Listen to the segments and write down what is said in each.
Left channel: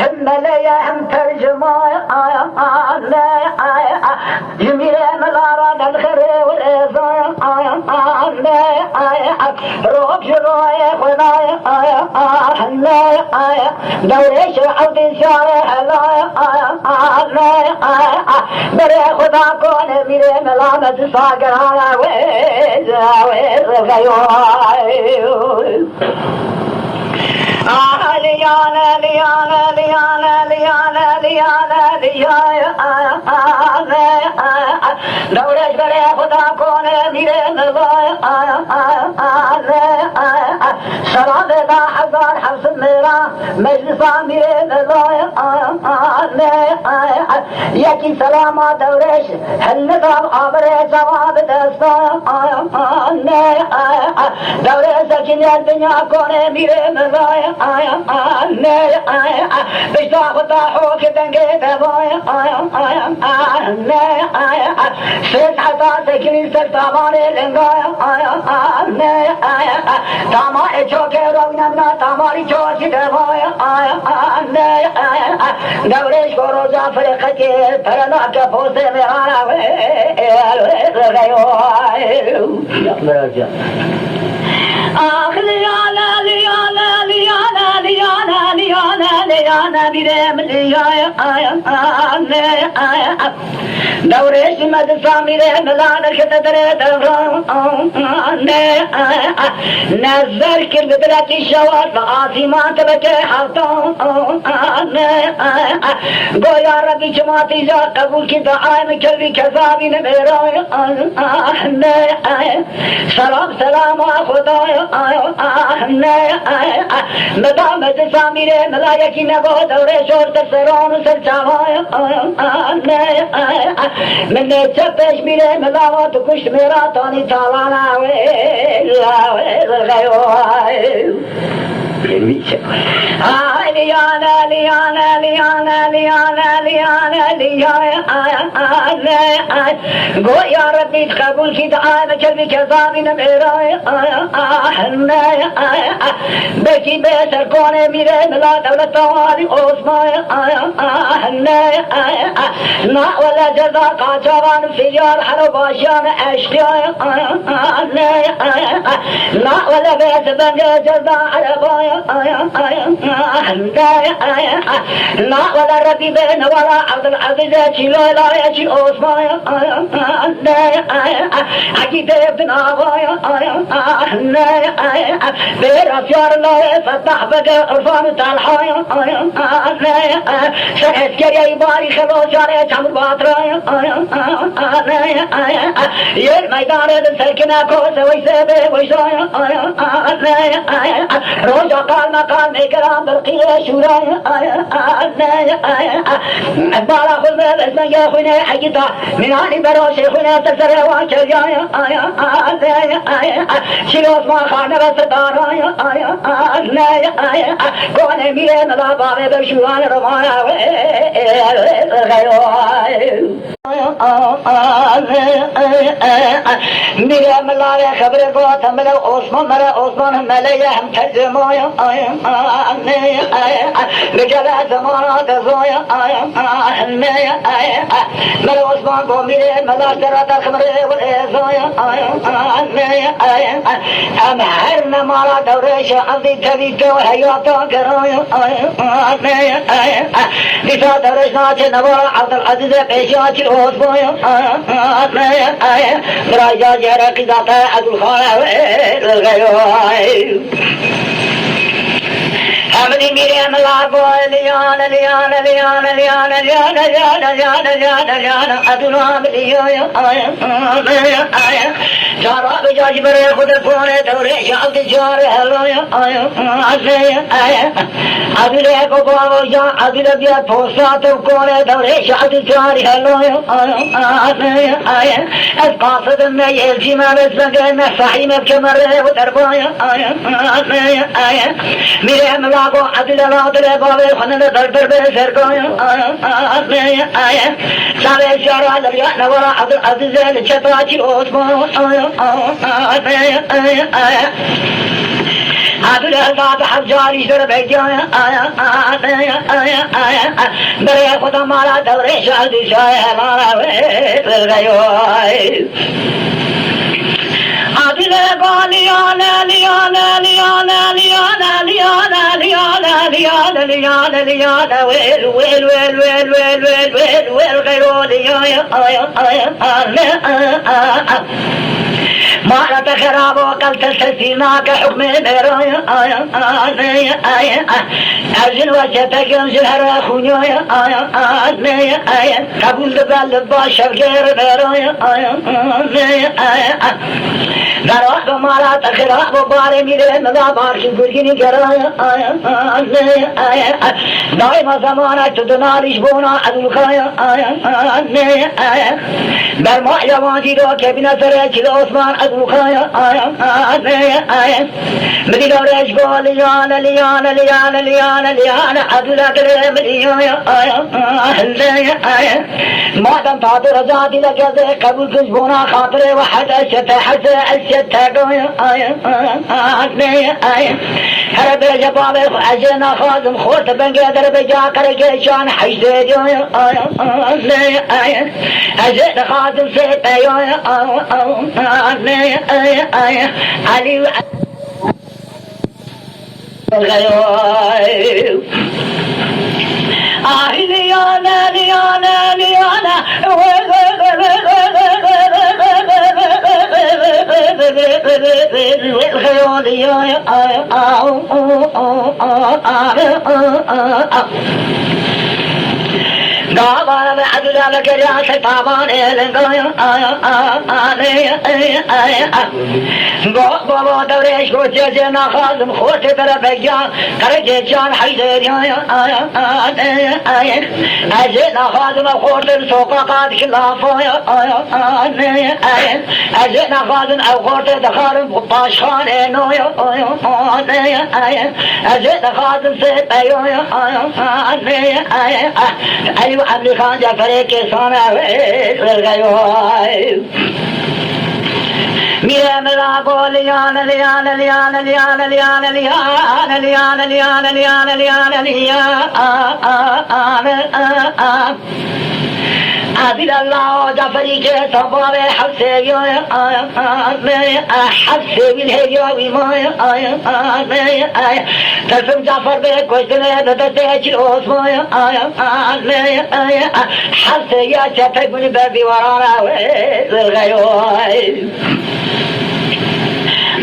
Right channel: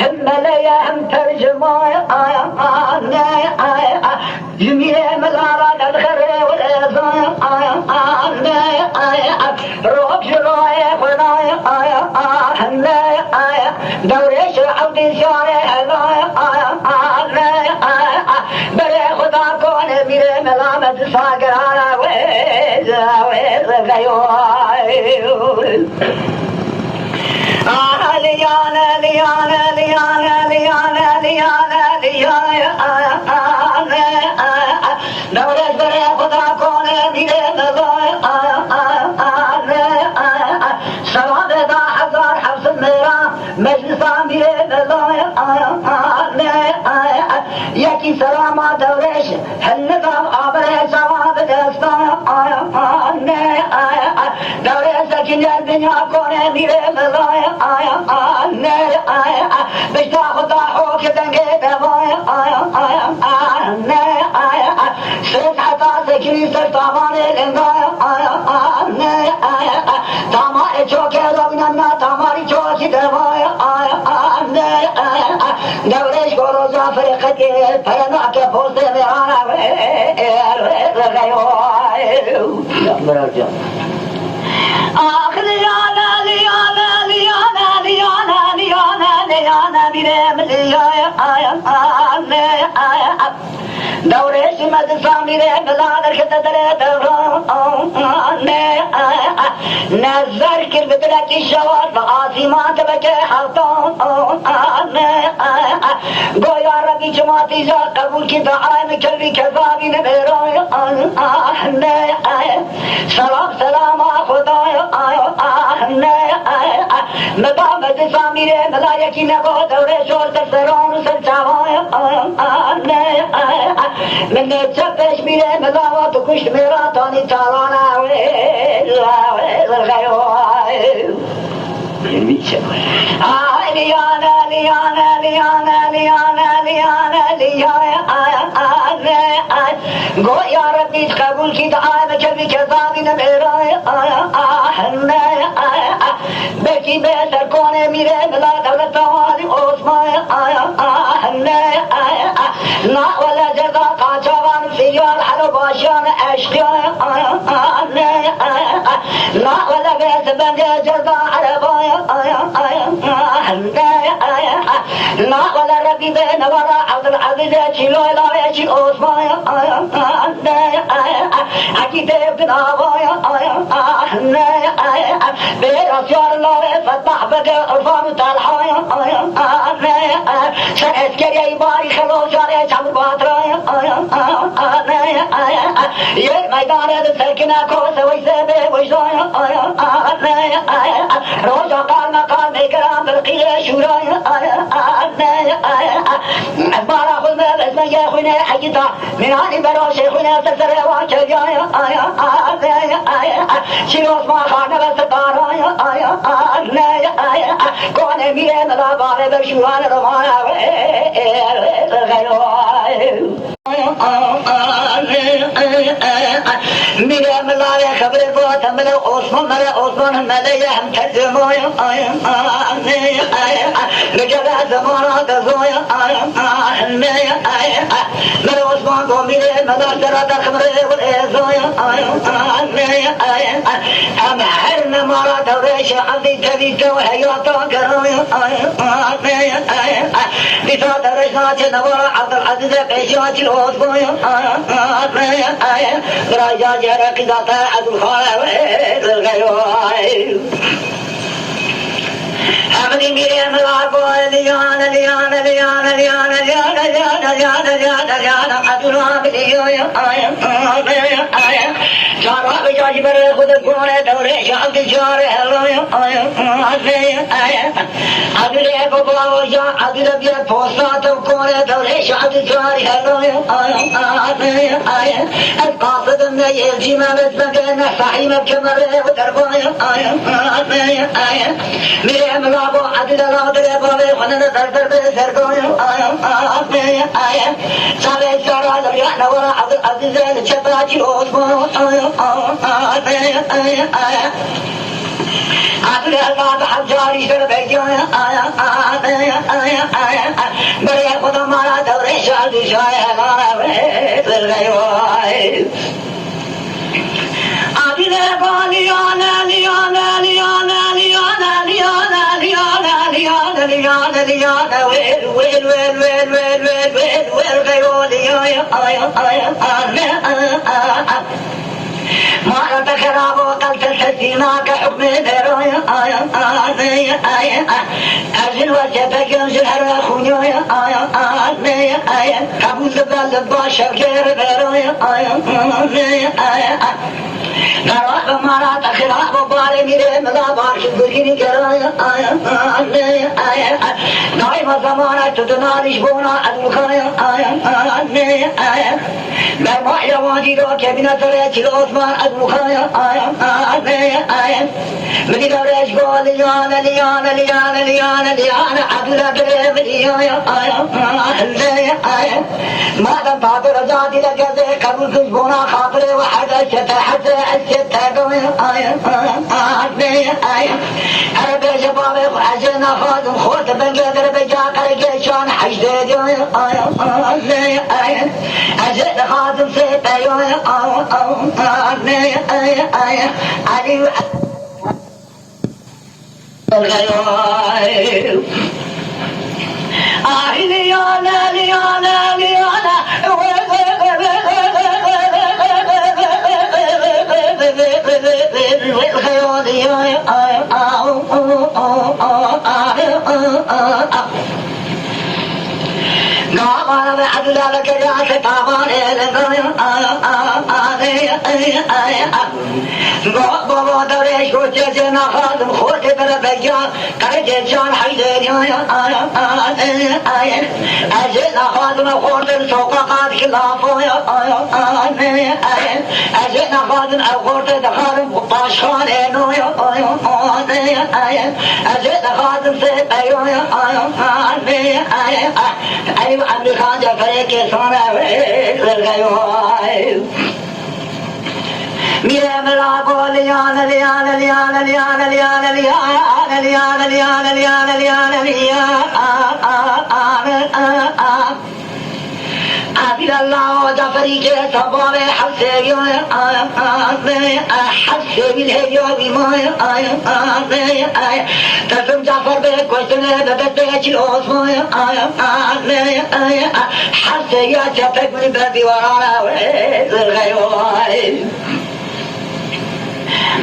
هم مليا هم ترجمة جميل ملارة الخير والإحسان روح جرايا خدايا دوريش عبدي شارع بري خدا كون ميري ملامة ساقر على ويز الغيور ليانا ليانا ليانا ليانا ليانا ليانا دوريش بري خدا كون ميري سلام دا حضار حفظ ميرا مجلس ميري يكي سلامة دوريش هالنظام عبر سواب دستان دوريش سكين الدنيا كون ميري ملاي بشتا خطا حوك دنگي دواي سيد حتا سكيني سلطاماني لنگاي تاماري چوكي رونا تاماري چوكي دواي دوريش كورو زافر خطير پرنا كفوسي ميانا ليانا ليانا ليانا ليانا ليانا ليانا بيرم ليانا دوريش مدسا ميرم لانا كتدري نظر كل بدلت الشوار لعاصمات بكي حطان قو يا ربي جماعتي جا قبول كي دعايم كلبي كذابي نبيراي سلام سلام خداي مدام مدسا ميرم ملايكي نبو دوري شور سرسران وسرچاواي من نتشبش ميرم ملاوات وكشت ميراتاني تالانا ليانا ليانا ليانا ليانا ليانا ليانا قو يا ربي قبول كي دعاء بكلبي كذابي نبيراي بكي بيتر كوني ميري ملا دولة توالي عثمان لا ولا جزا قاچوان سيار حرباشان عشقيان لا ولا بيت بنجي جزا حربايا لا ولا ربي بين ولا عبد العزيز شيلو لا يشي عثمان أكيد ابن أبايا بير أسيار الله فتح بك عرفان تالحايا سأسكري باري خلو شاري شمر باطرايا ير ميدان سلكنا كوس ويسابي ويشايا روجا قال مقال ميكرام بالقيا شورايا بارا خذنا بسم يا خونا حقيقة من عني بروشي خونا تسر واكريايا شيروس ما خانا بستارايا كون ميرين لا بابي برشوان رمايا ميرا ملايا خبر فوت ملا عثمان ملايا هم تزمايا نجلا زمانا تزويا ملا عثمان قو ميرا ملا ترى خبر والإزايا أم حرنا مارا دوريش عبدي كبيرة وحياتا كرايا لذا دوريش ناتي نوارا عبد العزيز بيشاتي العثمان راجا جرى قذاتا عبد الخالق الغيوائي أبدي ميري ملابو ليانا ليانا ليانا ليانا ليانا ليانا ليانا ليانا ليانا أدونا بليانا جارا بجاج بري خود فانا دوري شعب جاري هلويا أبدي بابا وجا أبدي بيا فوسا تبكونا دوري شعب جاري هلويا القاصد ما يلجي ما بسبقنا صحيح بكمره ودربايا ميري ملابو عبد الله دل بابي خنن در بسر گايا سالي شارع دريا نورا عبد العزيز الشفاعي عثمان عبد الله حجاری سر بیجای برای خدا مارا دوره شادی شای هلانا ویل گیوی عبد لیانا لیانا لیانا لیانا لیانا لیانا لیانا لیانا لیانا ویل ویل ویل ویل ویل ویل ویل ویل گیوی ما رد خراب وقلت السفينة كحكم الهرايا أرجل وجهتك ينزل هرا خونيا قبول دبال الباشر غير الهرايا قرأت مرات خراب وباري ميري ملا بارش القرقيني قرايا دائما زمانة تدنارش بونا أدوكايا برمع يواجي رو كبينة ريك الأثمان أدوكايا بدي دورش قول ليانا ليانا ليانا ليانا ليانا عبدالله درم ليانا ما دم فاضي رزادي لجزي قبل كش بونا خاطري وحد أشتا حتى أشتا هرب جبابي فعجنا خادم خورت بنقدر بجاكر جيشان حجد جويا أجد خادم سيبا يويا علي ليانا ليانا ليانا قام عبد الله كجاش طمان قولوا دوريش كوتيزنا خادم خوتي بربيجا كرجيشان حيدر أجينا خادم خوتي سوقا قاد خلافو أجينا خادم خوتي دخارم باشخان إنو أجينا خادم سيبايو أيوة عبد خان جعفر के सोना वर गयो मेरे मेरा बोलियान लियान लियान लियान लियान लियान लियान लियान लियान लियान लियान عبد الله جعفري के सबावे हफ्ते यो हफ्ते भी है यो भी माया कसम जाफर पे कुछ ने बदते चिरोस माया हफ्ते या जाफर कोई दीवाना वे गयो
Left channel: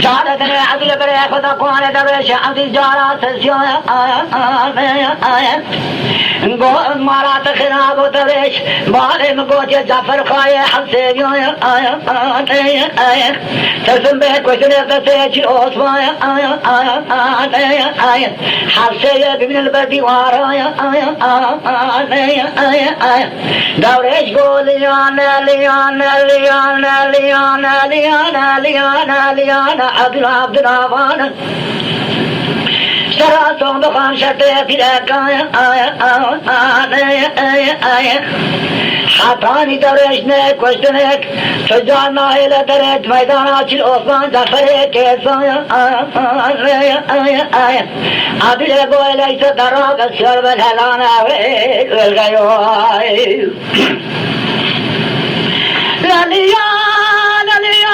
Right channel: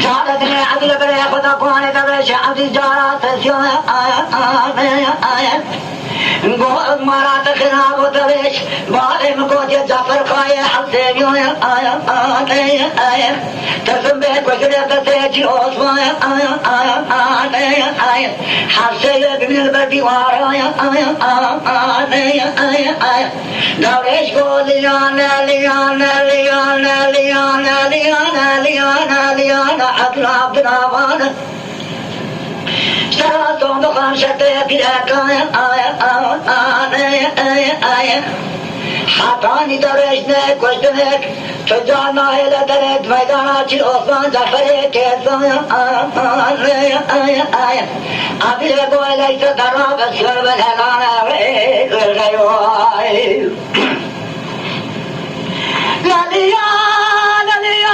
सादत ने अभी करे खुदा कोने दबे शादी जारा तसियो गो मारा तखराब दरेश बाले को जे जाफर खाए हफ्ते यो तसम बे कुछ ने बदते चिरोस माया हफ्ते ये दिन दीवार दरेश गो लियाना लियाना लियाना लियाना लियाना लियाना लियाना عبد الرحمن سراتون بخان شده بیرکا حتانی درش نه کشتنک سجان نایل درد میدان چیل عثمان جعفری کسان عبد گوی لیس درا بسیار بلهلان ول گیو لیان لیان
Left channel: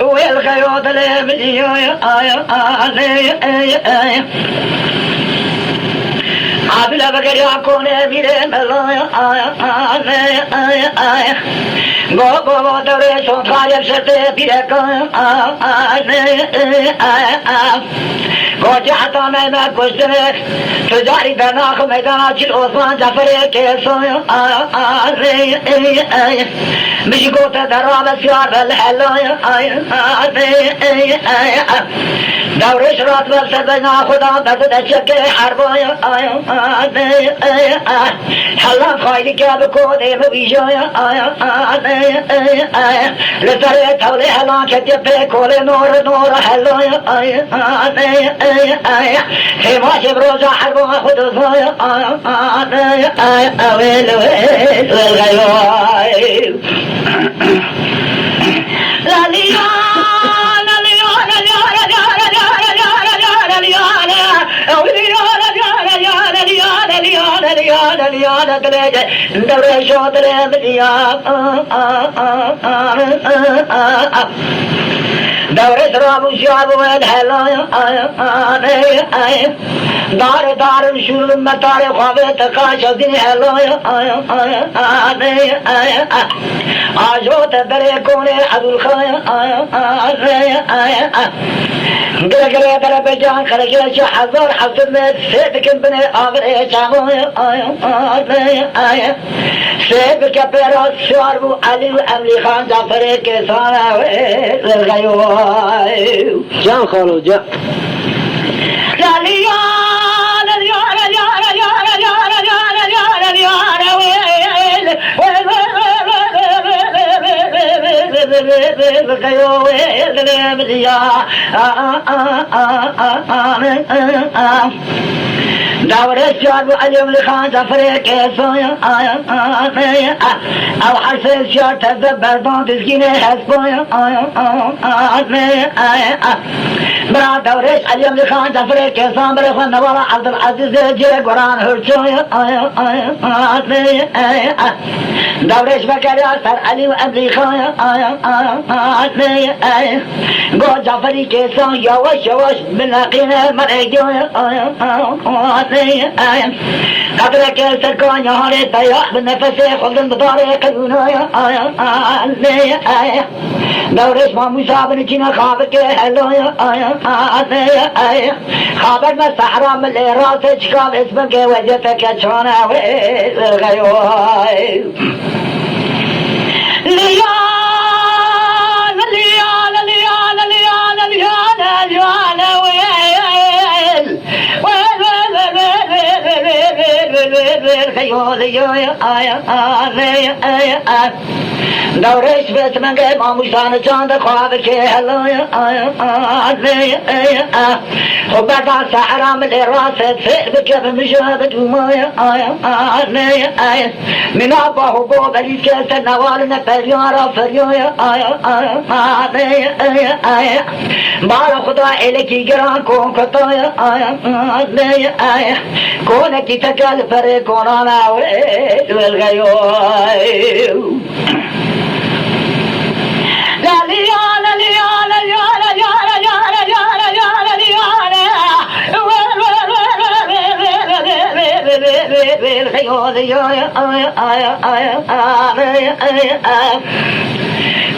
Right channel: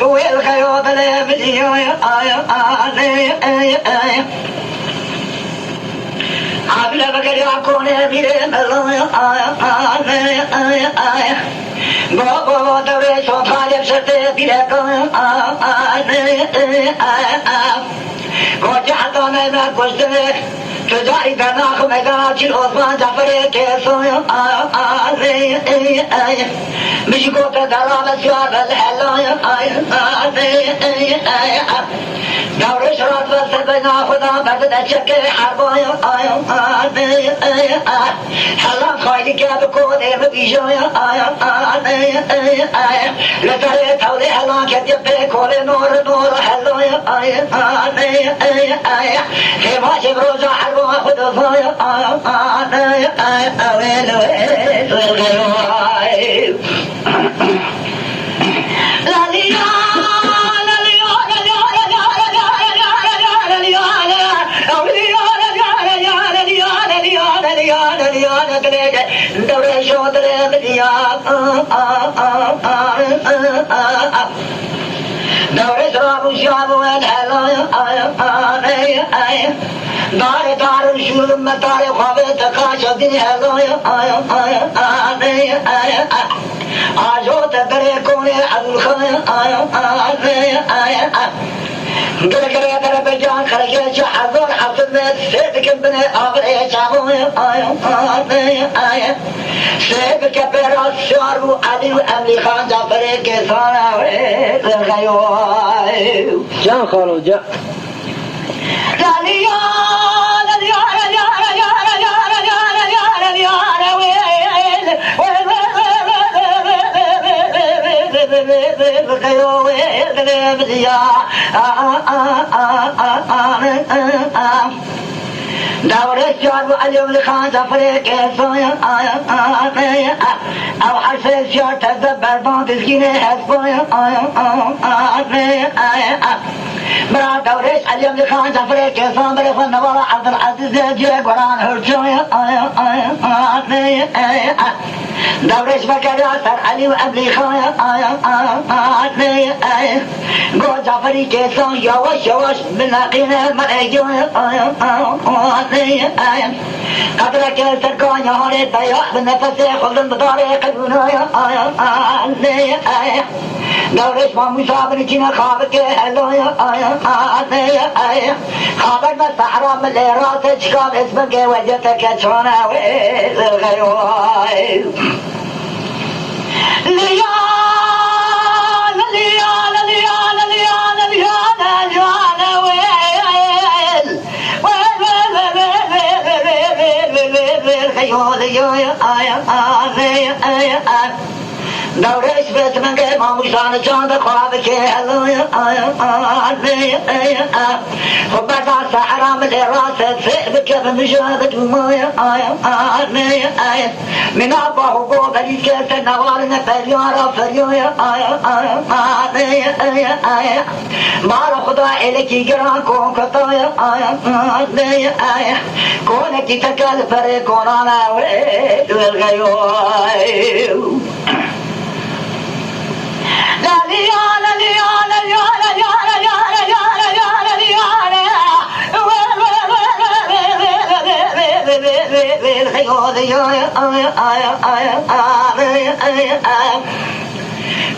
والخيوط الابدي عبد بكر يكون بيرن غو دوري سو طالب سرته بيرك وجعتنا ما كشتك تجاري بناخ ميدان چل عثمان جعفر كيسو مش قوت درام سوار بالحلايا دور شرات والسبنا خدا بدد شك حربايا حلا خايل كاب كود مبيجايا لترى تولي حلا كتب كول نور نور حلايا ما شبروز حلوة خدو فايا ويل ويل والغيوي لا ليا دوري شاطر بديا دوري سراب وشاب والهلا دار دار وشول مطار خواب تكاش دين هلا آجو تدري كوني عبد الخير قلقل در بجان خلقل شو حضر حضر مت سيدك بني آغر ايشامو سيدك بيرا شواربو علي وعملي خان جعفر كسانا والغيوي جان خانو جان دور الشعب اليوم لخان سفريك صايا او حرف الشعر تدبر بعض سكينة حسبايا برا دورش اليوم لخان سفريك صامر فنورا عبد العزيز جاي قران هرشايا دورش بكرا سر علي وابلي خايا قول جعفري كيسان يواش يواش بلاقينا مرأيجويا قدرك التركان يا هاري ضياح بالنفس خلن بطاري قلبنا دورش ما مصابن جينا خابك هلو خابر ما سحرا من اللي راسك شكاب اسمك وجهتك شوانا والغيوي دورش بيت من قيم عمشان جاند خوابك هلو وبعد سحرا من الراس سيبك بمشاهدة ومايا من أباه قوب أليس النوار نفريارا فريويا بار خدا إلكي جران كون كتايا كونك تكال فري كونانا والغيوي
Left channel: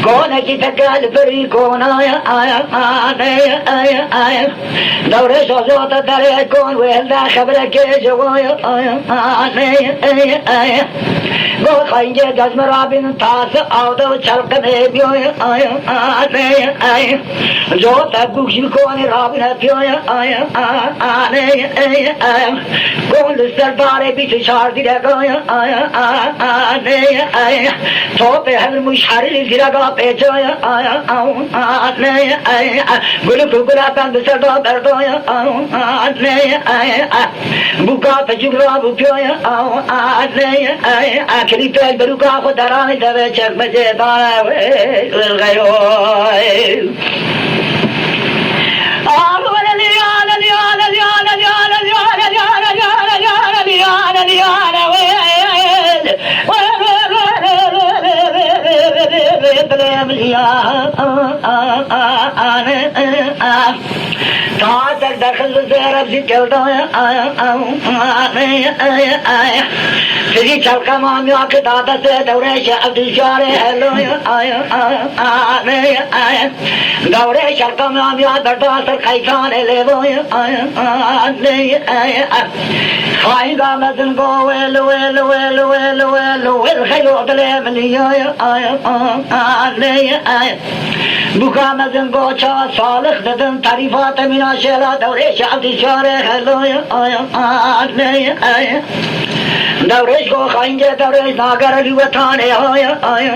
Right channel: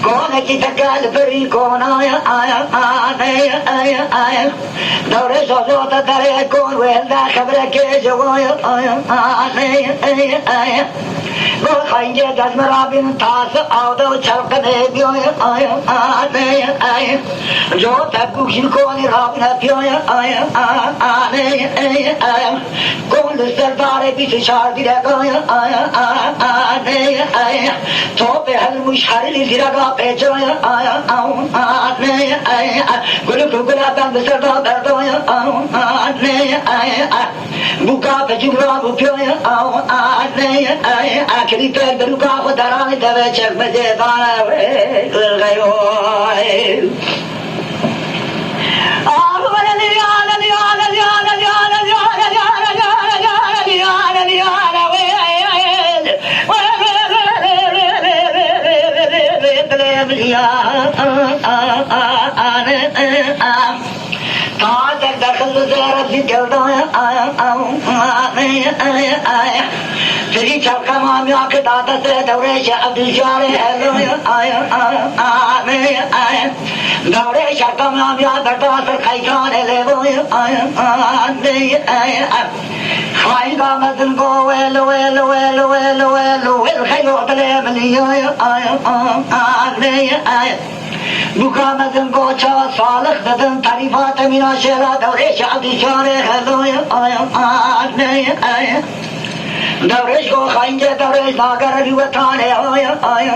كونك تقال فري كونايا دور شوشوت دري كون ويلدا خبرك جوايا بو خينجي جزم رابين تاس اودو چلق نبيويا جو تقوشي كوني رابين بيويا كون لسرداري بيس شاردي رقايا توبي هالمشحر اللي زرقا بيجويا قلوك قلابان بسردا بردويا بوكا بجمرا بوبيويا آخری تو بروکا خودرانی دوه چک مزیدانه والغیوی دخل زيارة في جلدايا سري چلقا ماميا كدادا سے دورے عبد الجاري دورے شرقا ماميا دردا سر خيكان لبويا خايدا مدن قو ويل ويل ويل ويل ويل ويل خيو دلي مليا بوكا مدن قو چا صالح ددن تعريفات من شلا دوري عبد الجاري دورش کو خنجر دورش ناگر لیوتانه آیا آیا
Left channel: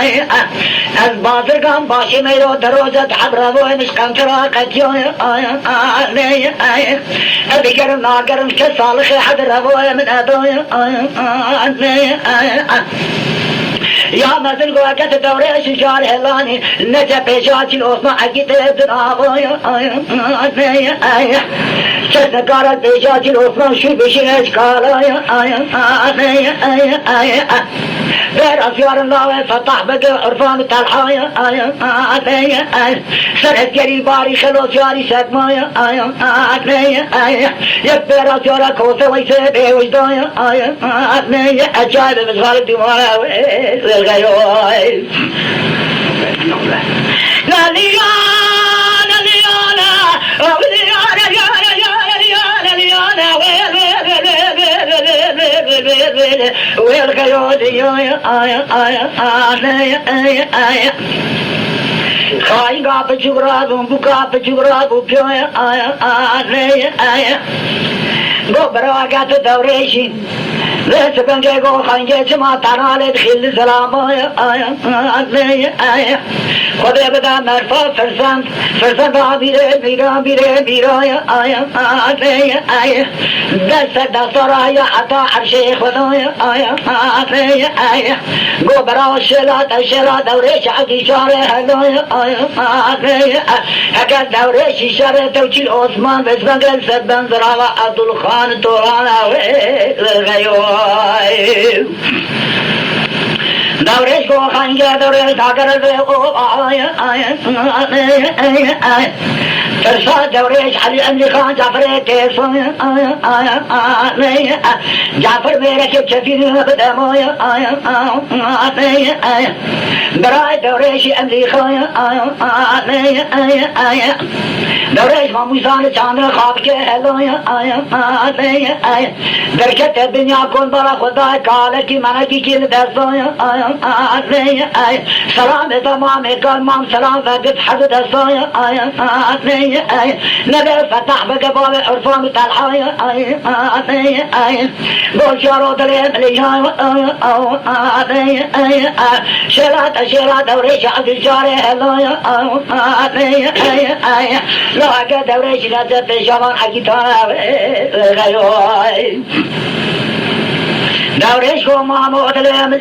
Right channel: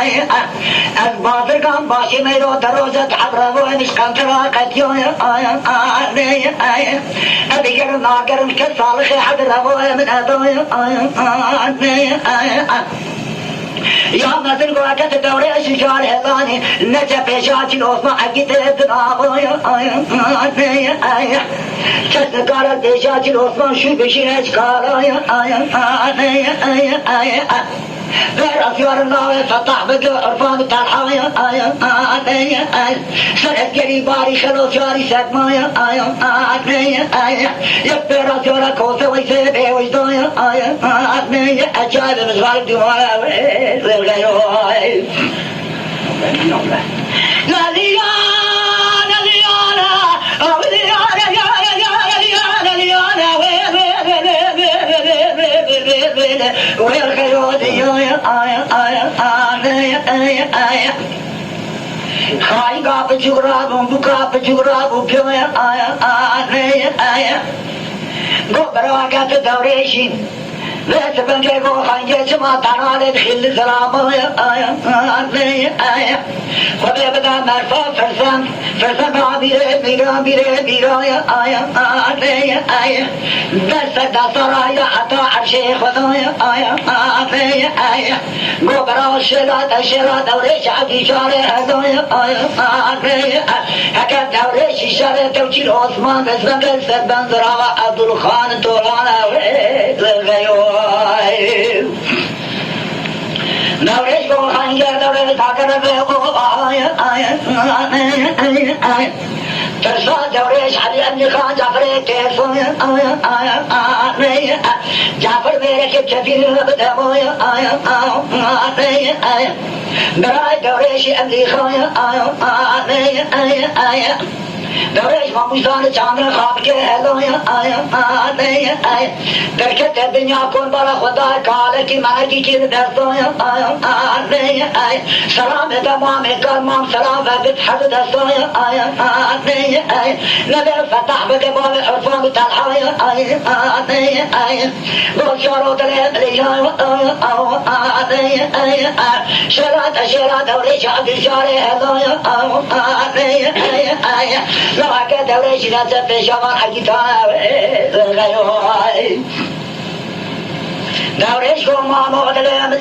آیا از بازرگان باشه میرو دروزت حبرو مسکن تراقت آیا آیا آیا دیگر ناگرم که صالح حبرو من ادایا آیا آیا یا مثل قوات دوره شجار هلانی نجا پیشاتی الاسما عقیده دنابایا آیا آیا شدگارت پیشاتی الاسما شی بشین اشکال آیا بر افیار الله سطح بگه عرفان تلحایا آیا سرت گری باری خلوص یاری سدمایا آیا یک بر افیار کوسه ویسه بیوشدایا آیا اجال مزار دیوایا خاين قاب جغراب بقاب جغراب بيا آيا قبراقات دوريشين ليس بنجي قو خانجي جمع تنالي دخل سلام آيا خده بدا مرفا فرسان را میره آیا دست رایا عطا عرشی خدایا آیا گو برا شلا دوره شعبی شاره هدایا آیا حکر دوره شیشاره توچی عثمان بسمن قلسد بنزرا و عبدالخان تورانا غیوای دورش کو خنجر دوره داگر آیا ترسا دورش علی امریکا جعفر تیسون جعفر میره که چفیر بدمویا برای دورش امریکا دورش ماموزان چاندر خواب که هلویا درکت دنیا کن برا خدا کالکی منکی که دستویا سلام تمام کلمان سلام بگت حد دستویا نبي فتح بقبال عرفان تلحايا بوشارو تليم ليها شرات وريش عبد شاري هلايا لا كده وريش نزل في شمال حقيتها غيوي دورش کو مامو تلم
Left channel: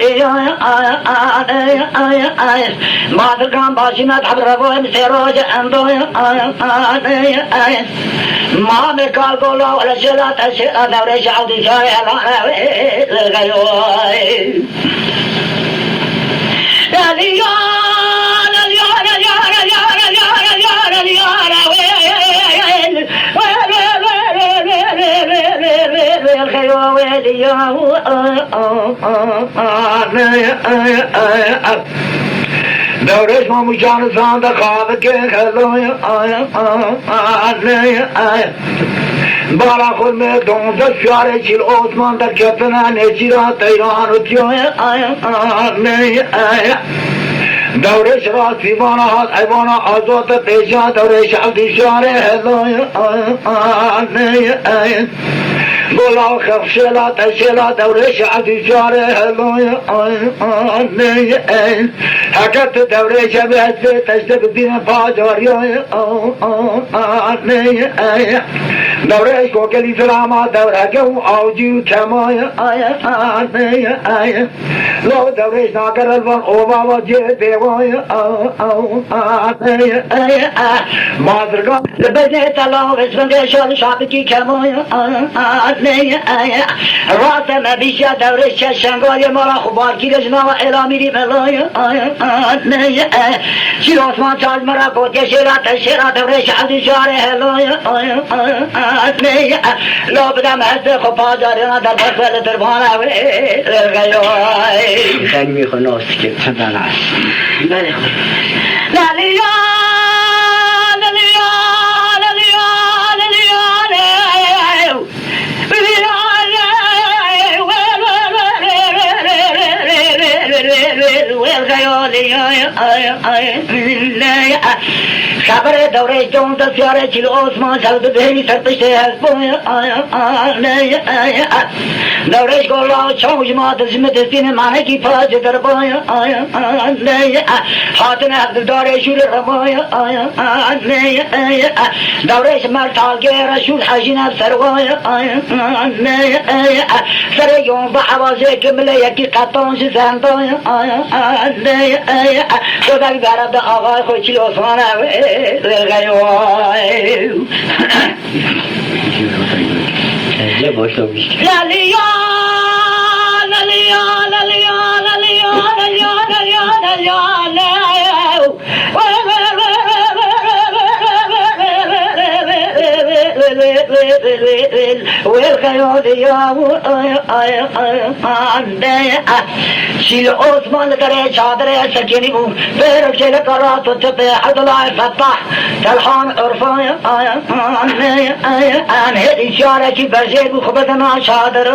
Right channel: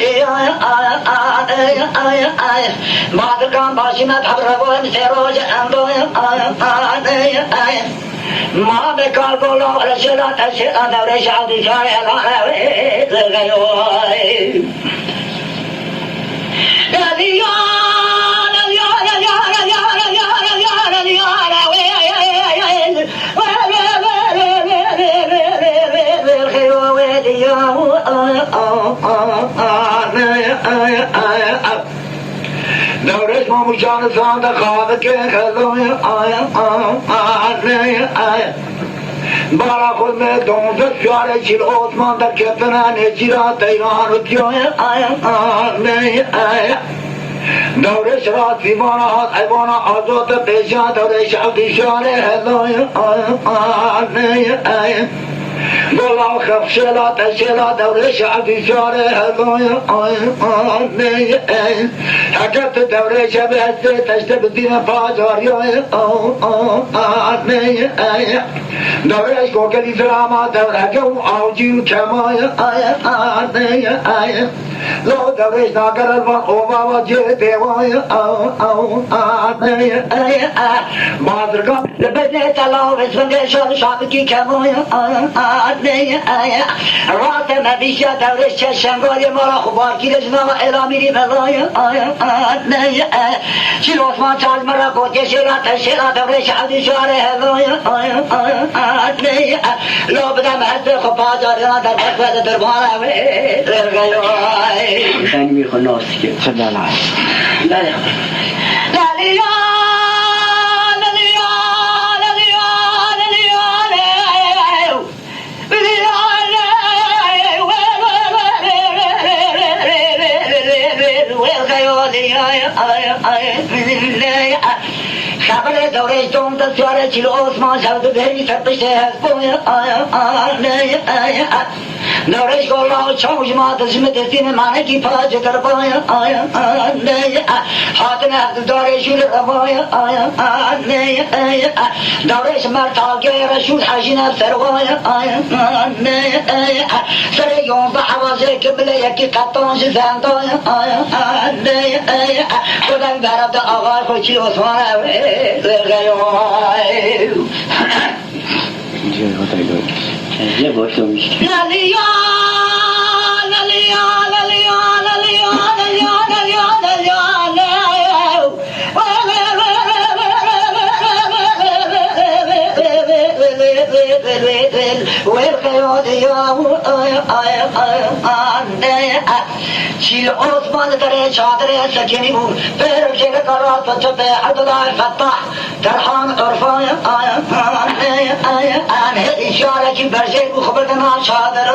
مادرگان باشینات حبربویم سروج اندویم مام کار گولا و رشلات دورش عبدی شای دورش ماموشان سانده خواب که خلوی بارا خود میں دونزد شاره چیل عثمان در کتنا نچیرا تیران و تیوی دورش راست بیمانا هات ایوانا آزوت پیشا دورش عبدی شاره هلوی گلا خفشلا تشلا دورش عبدی شاره هلوی حکت دورش بهسته تشته بدین پاجاریوی دورش کوکلی سلاما دورکو آوجیو کمای لو دورش ناگر الوان اوبا و جه دیوای مادرگان لبنه تلاوش بنگشال شابکی کمای راست نبیشه دورش شنگای مالا خوبار گیرش نوا الامیری بلای شیر عثمان چاز مرا گوتی شیرا دورش عبدی شاره هلای لو بدم هست خب پازاریان در بطول دربان خیلی میخواه ناستی که صدن هست بله خبر دورش دون دستیاره چیل عثمان شد بهی سر پشته هست بوی دورش گلا چاوش ما دزم دستین مانه کی پاج در بوی حاتن عبد دورشول ربوی دورش مرتاگه رشول حجین بسر بوی سر یوم با حوازه کمله یکی قطانش زندوی خدا بیارد آقای خوی چیل عثمان یه باشه میشه شیل عثمان کرے چادر سکینی بو پیرو چل کرا تو چپے عدلا فتح تلحان عرفایا ان اشارہ کی برجے بو خبرنا چادر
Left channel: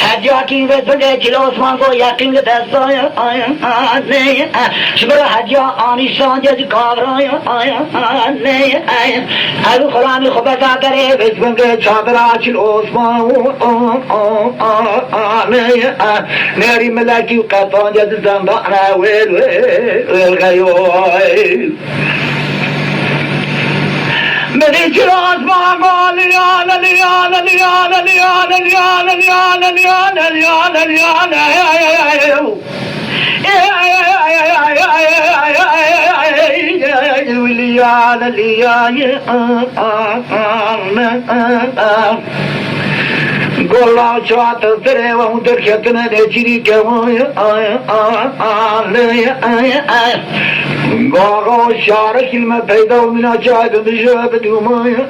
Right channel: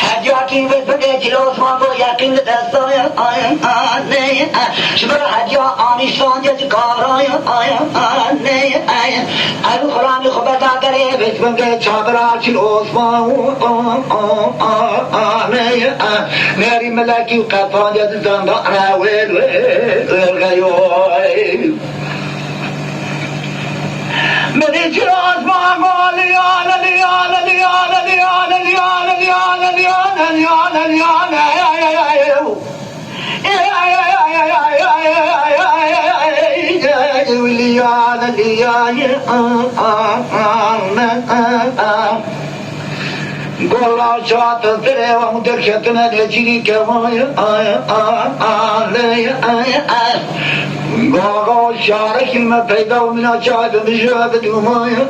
حجا کی بدے شیل عثمان کو یقین دستایا شکر حجا آنی سانج کارایا ابو خلامی خبردا کرے بسم کے چادر شیل عثمان ناري ملاكي وقطان جد زنبقنا ويل غيوي مني جراس ما قال ليانا ليانا ليانا ليانا ليانا ليانا ليانا ليانا ليانا ليانا ليانا گولا چات ترے وہاں درشت نہ چیری کے گاغا شارك المبيدا ومن أجاد بجاد يومايا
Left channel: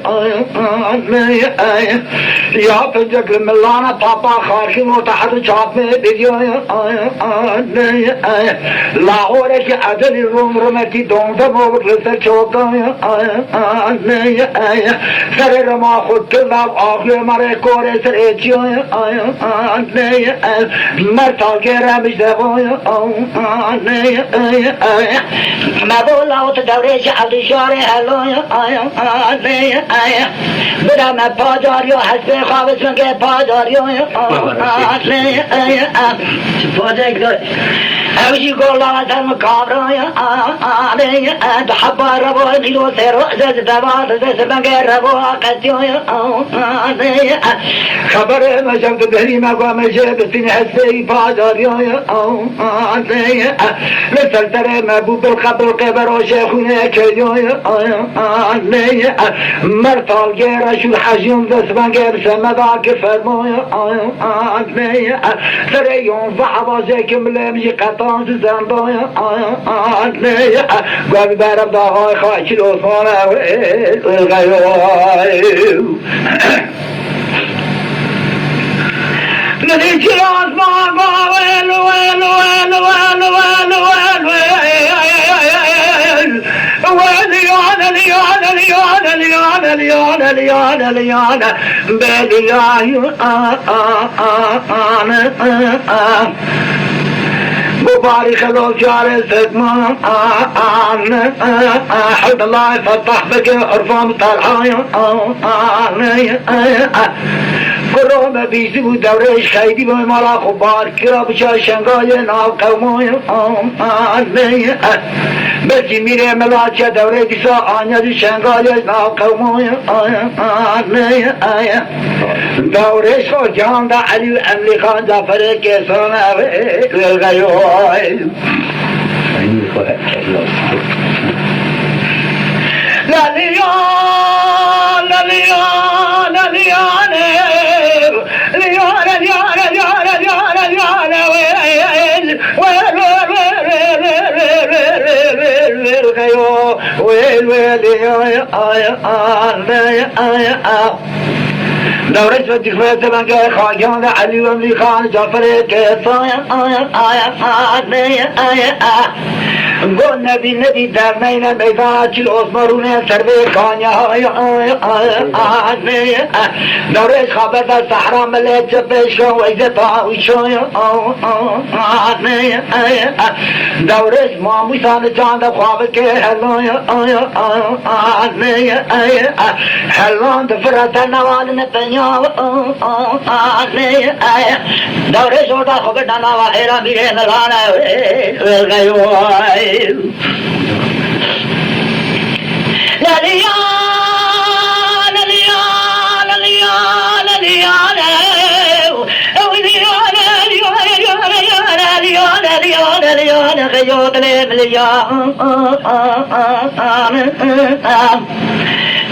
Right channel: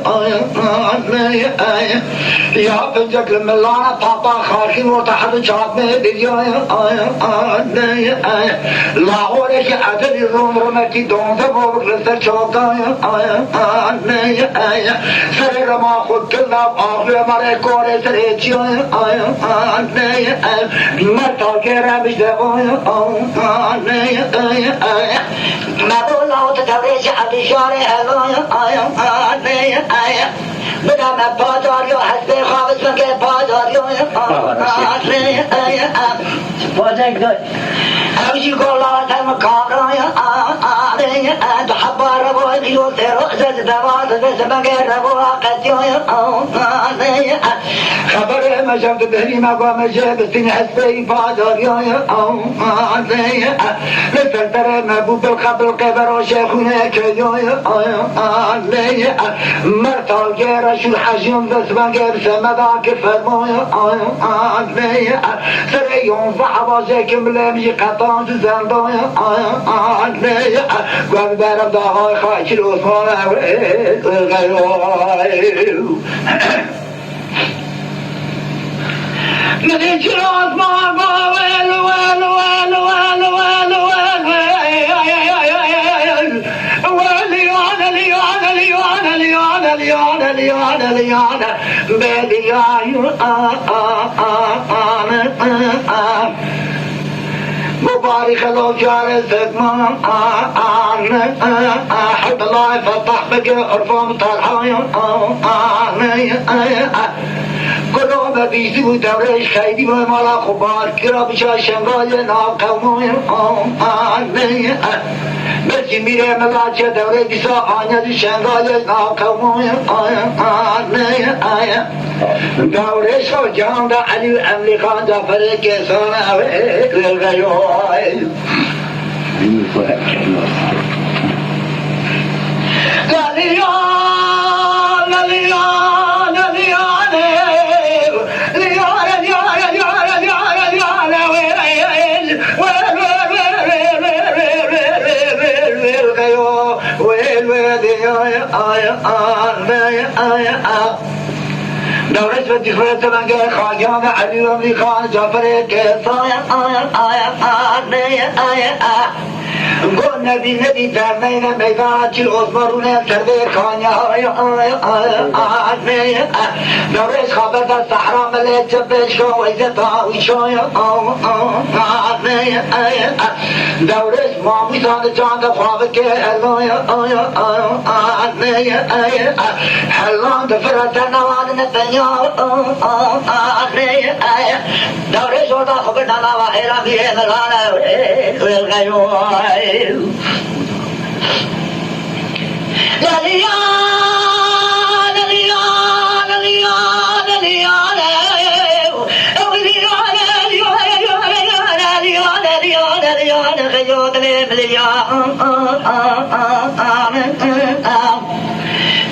يا بجك الملانا بابا خاركي وتحت شاط में दियोया लाहौर के अदल रोम रमती दोंद मोर लसर चौकाया सरे रमा खुद के लाभ आखिर हमारे कोरे सरे जियोया मरता के रबिश दबोया मैं बोला हूँ तो दौरे से अदिशारे हलोया मेरा मैं पाजारियो हंसते ख्वाबस में के पाजारियो पाजाई गए أمشي كل هذا مكابرة تحبار ربوا كيلو تيرو زاد دبات زمان غير ربوا قتيا خبر ما شفت بهري ما قام جاك سنحسي بادريا لسلتر ما بوب الخبر القبر وشيخنا كيا مرتال غير شو حجيم زمان غير سمداك فرمويا سريون فحوازك ملامي قطان زندايا قال بارم داهای خاکی عثمان ندیم چرا عثمان باویل ویل ویل ویل ویل ویل لیانا لیانا لیانا لیانا لیانا لیانا لیانا بلیانا مبارك الله جار زدمان حد الله يفتح بك عرفان طالحايا قرآن بيزي ودورش خيدي ومالا خبار كرا بشا شنغايا ناو قومايا بلكي ميري ملاچة دوري بسا آنيا شنغايا ناو قومايا دورش جان دا علي وعملي خان جعفر كيسانا والغيوه دورش و دیخواه زمان که خاکیان علی و امری خان جعفر که سایا گو ندی در مین میدان چیل ازمارونه سربه کانیا دورش خبر در صحرا ملیت جبش کن و ایزه تاویشوی دورش ماموسان جانده خواب که هلان دفرت نوال نتنیا دورش ورده خبر نما خیران بیره ملانه غیوی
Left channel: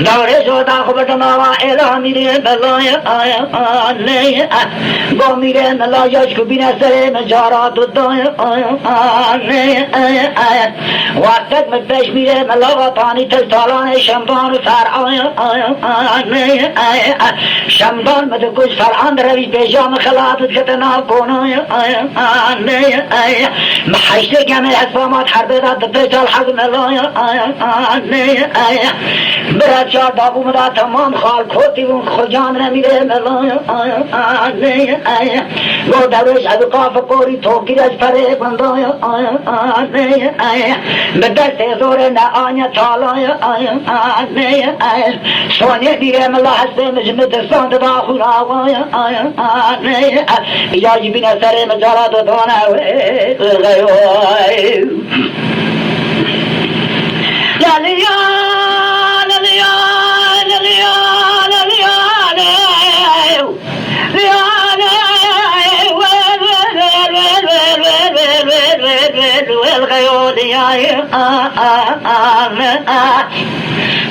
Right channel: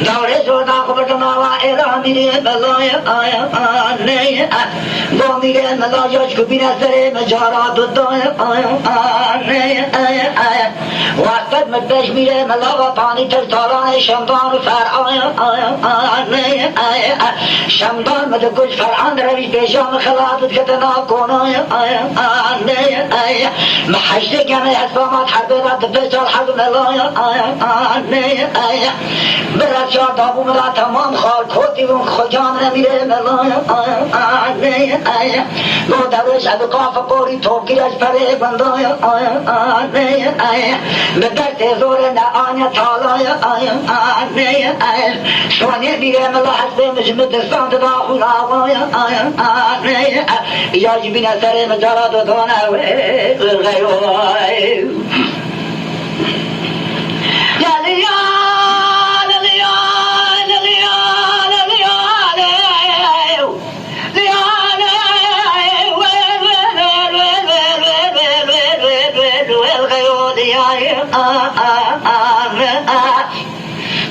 دورش ورده خبر نما خیران بیره ملانه گو میره ملایش کو بینه سره مجارا دودای وقت مدش میره ملاغا پانی تلتالان شمدان و فرعای شمدان مدگوش فرعان روی بیجام خلافت خطنا کنای محشت گمه اسفامات حربه را دفشال حق ملای برد شار دابو مدا تمام خال کھوتی و خجان نمیره ملای گو دروش ادقاف قوری توگیرش پره بندای به دست زور نعانیا تالای سونه دیره ملا حسبه مجمع دستان تداخل آوای ایجاجی بین سر مجالات و دانه غیوی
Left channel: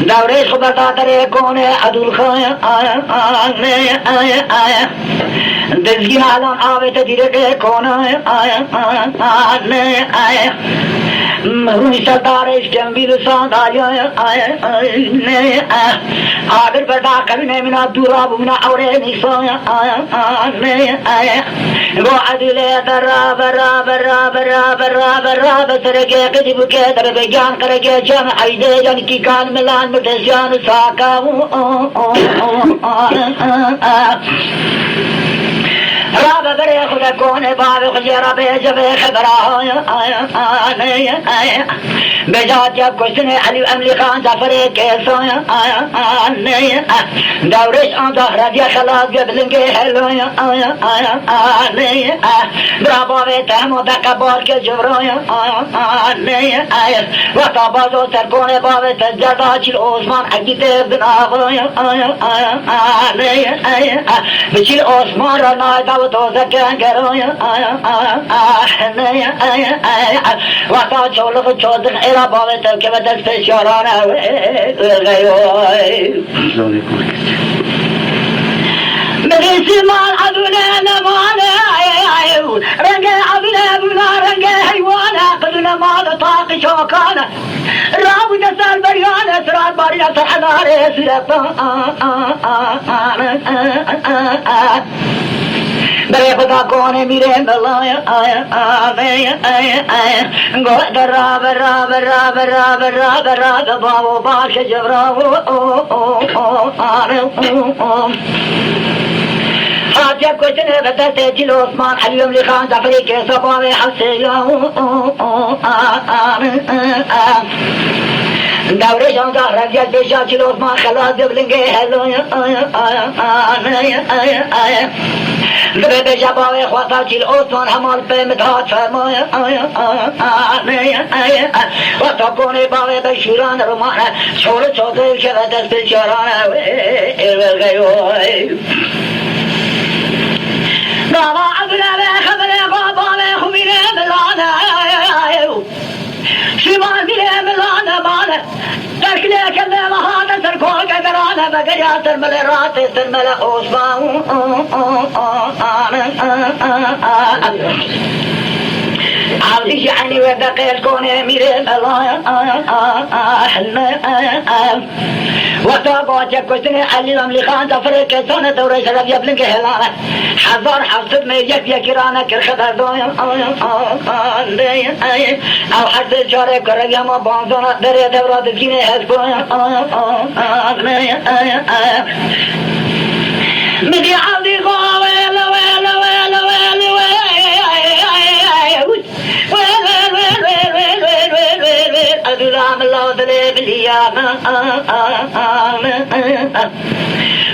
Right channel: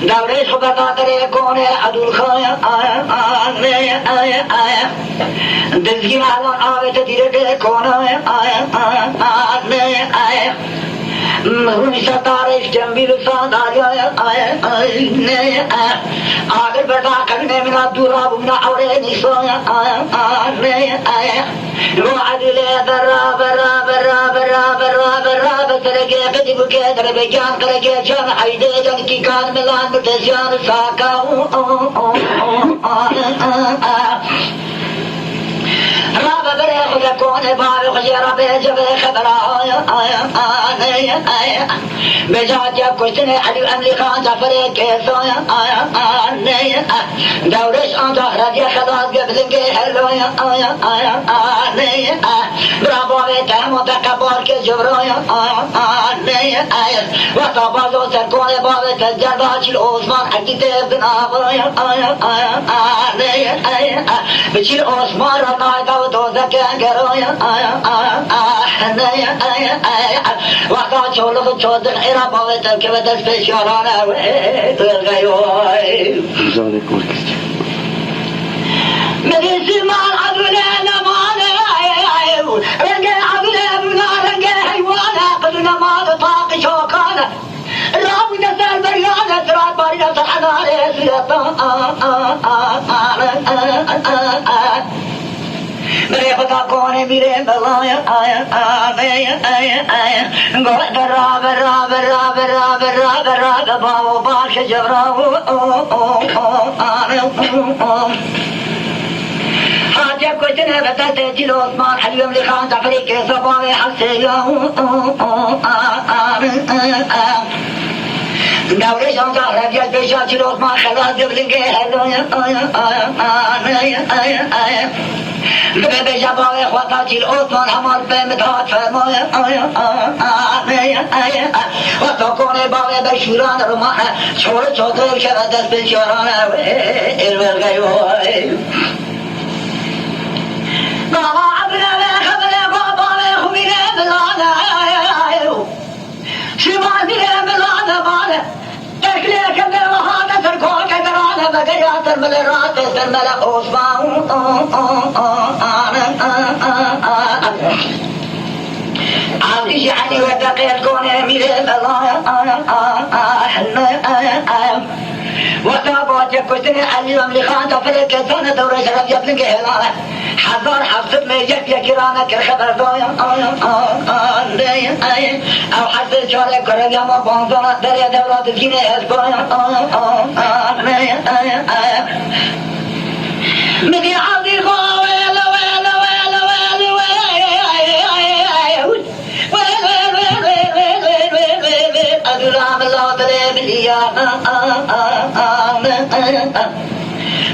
دورش خدا تاتره کونه عدول خوایا دزگی حالان آوه تدیره که کونه مهرونی ستارش جنبی بسان آیا آگر بردا کرنے منا دورا بمنا اوره نیسویا گو عدل برا برا برا برا برا برا بسرگے قدیب کے در بگیان کرگے جن عیدے جن کی کان ملان متزیان ساکاو رابع بره خدا کونه باب خلی رابع جبه خبره بجات یا کشتنی علی امری خان جعفر کیسویا دورش آن تحرفی خلاص گبلنگی حلویا براباوی تهم و دکبار که جبرویا و تابازو سرکونه باوی تجربه چیل عثمان عقیده بنابویا بچیل عثمان را نایده و دوزکه گرویا وقتا چولو چودن ایرا باوی ترکه و دست پیشارانه غیوی مغیسی مال عدوله نمانه رنگ عدوله بنا رنگ حیوانه قدوله مال طاق شوکانه رابو دسال بریانه سرات باریا سحناره سیرطان بره خدا کونه میره بلای گوه برا برا برا برا برا برا گباو باش جبراو حاجب کشتنه به دست جیل عثمان علی امری خان جعفری که صباوی حسیاو دورش آنگا رنجل پیشا جیل عثمان خلاص جبلنگه هلویا به بجبای خواتا چیل عثمان همال به مداد فرمایا و تا کنه باوی بشوران رومانه شور چوتر شود دست بلچارانه غیوی بابا ابنه به خبره بابا به خوبیره بلانه شمال میره بلانه بانه تکلیه کنه وحانه سرکول کدرانه بگریا سرمل رات سرمل عثمان عاوزی جعلی و دقیل کنه میره بلانه وقتا باید کشتن علی امری خان جعفر کیسان دوره شرف یبلنگ هلانه 1700 میں یک رانه کر خبر دایم او حرف چاره کرم یا ما بانزانا دره دورات جینه از پایا میگی عبدی خواهی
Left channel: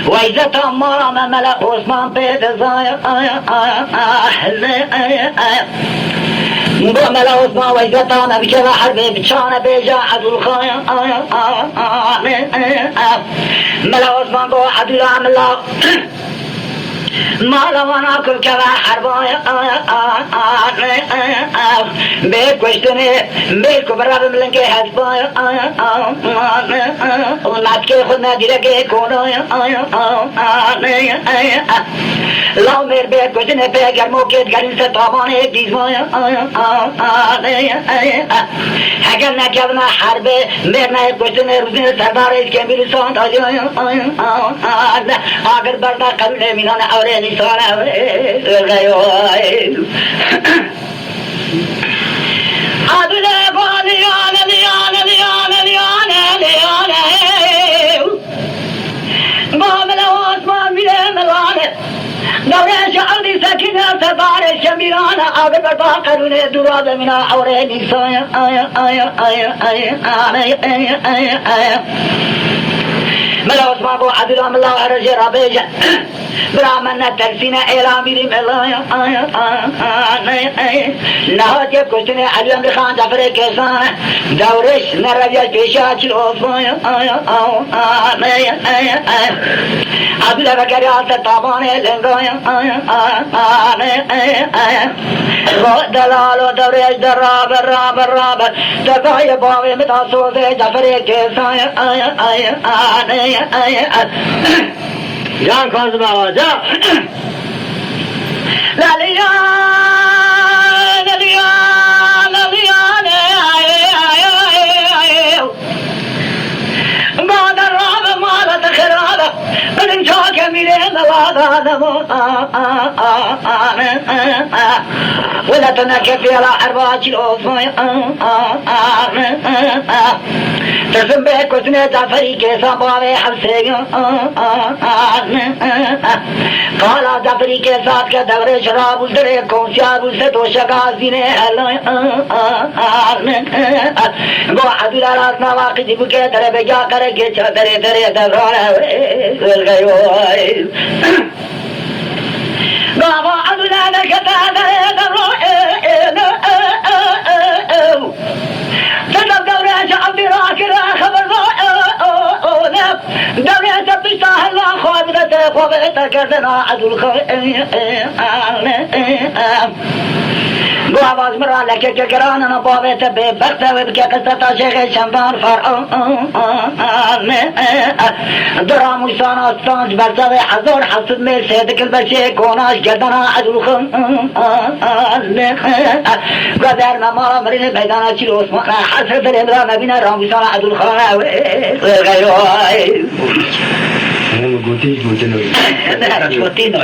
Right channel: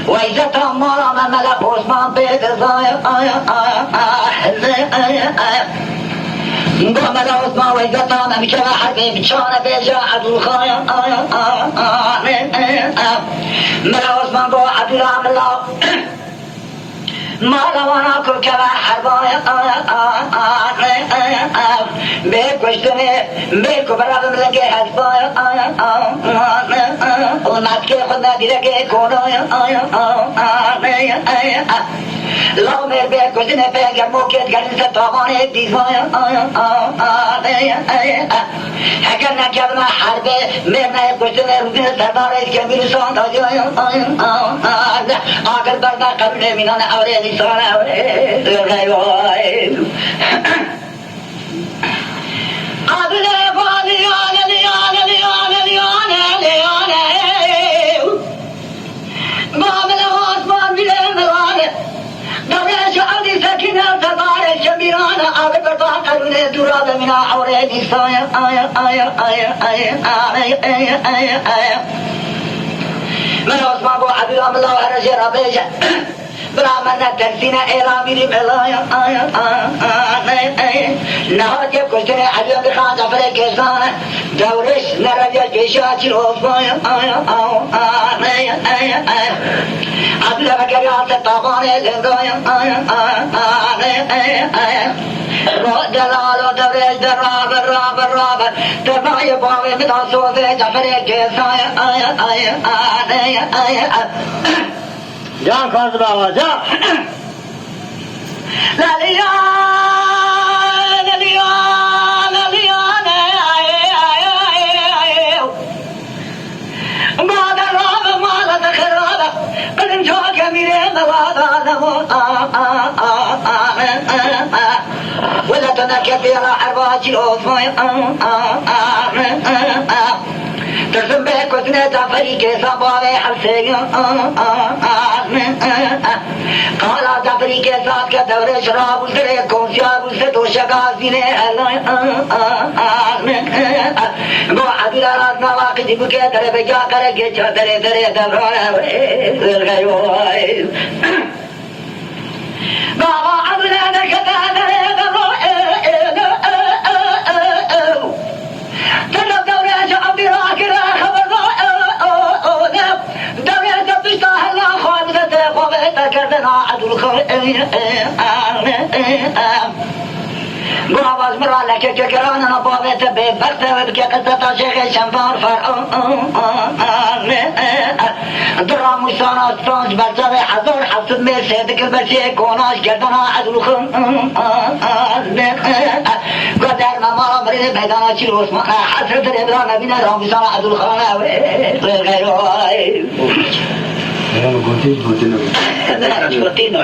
وإذا تمر ملك عثمان بيت الزايا ملك عثمان وإذا تم بشبه حربي بشان بيجا عدو الخايا ملك عثمان قو عدو العملاق ما لوانا كل كما حربايا بيك وشتني بيك برا بملنكي حسبايا وناتكي خدنا ديركي كونايا لو مير بيك وشتني بيك الموكيت قرن ستواباني بيزايا حكرنا كبنا حربي ميرنا وشتني روزين سرداري كبير سانت آجايا آگر بردا قبل مينان أوري نسان أوري غيوائي أبلا باليانا ليانا ليانا ليانا ليانا بابلا واسمان بلين ملانا دوري شعري سكينة تباري شميرانا أبلا بردا قبل دراب منا أوري نسان ملا عثمان بو عبد الله ورجي ربيجة برامنا ترسينا إيرامي بلايا نهار جب كشتني عليهم لخان جعفر كيسانة دورش نربيا بيشاتي عثمان عبد الله بكريات طاباني لنغايا دلالو دورش دراب دقايا باوي من أصوصي جعفر كيسانة جان کاظم آقا جا بعد الرابع مالة خرابة من شاك ميرين ولا تنكب على حربات الأوفاء تسم بك وسنة جعفري كيسا باوي حرسيو قال جعفري كيسات كدور شراب وسره كونسيار وسدو شغازينه گو عبد راس نواق جب کے در بجا کر کے چادر در دورا گئے بابا عبد الله كتا كردنا عدو الخوئ بو آواز مرا لکه که کراننا باویت بی بخت که قصتا شیخ شمبار فرعون درا موسان آستانج برزاو حضور حفظ می سیدک البرسی کوناش گردنا عدو الخوئ قدر نمارا مرین بیدانا چیل عثمان حسر در امرا نبینا رامیسان عدو الخوئ غیرو Contino,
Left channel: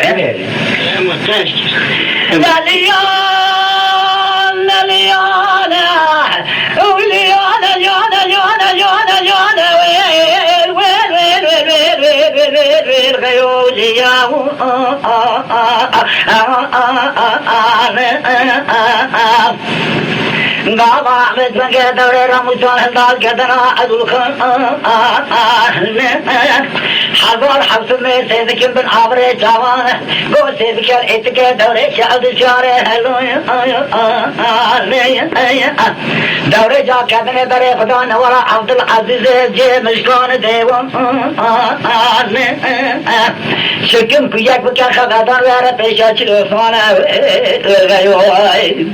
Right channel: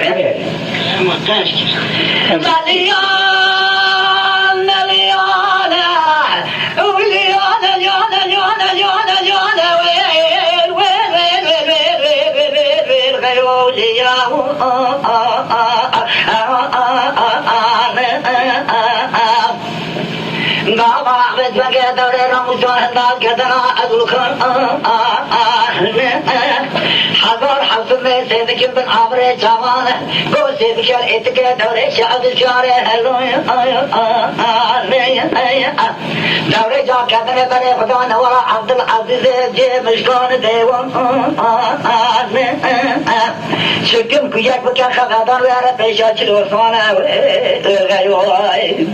Gaba Ahmet Bege Dore Ramuzan Hendal Gedana Adul Khan Hazar Hafsın Bey Sevdikil bin Amre Cavan Go Sevdikil Etike Dore Şahdı Şare Dore Ca Kedene Dore Khuda Nevara Abdul Aziz Ce Mişkan Devan Şüküm Kuyak Bukar Khadar Vere Peşa Çil Osman Gayvay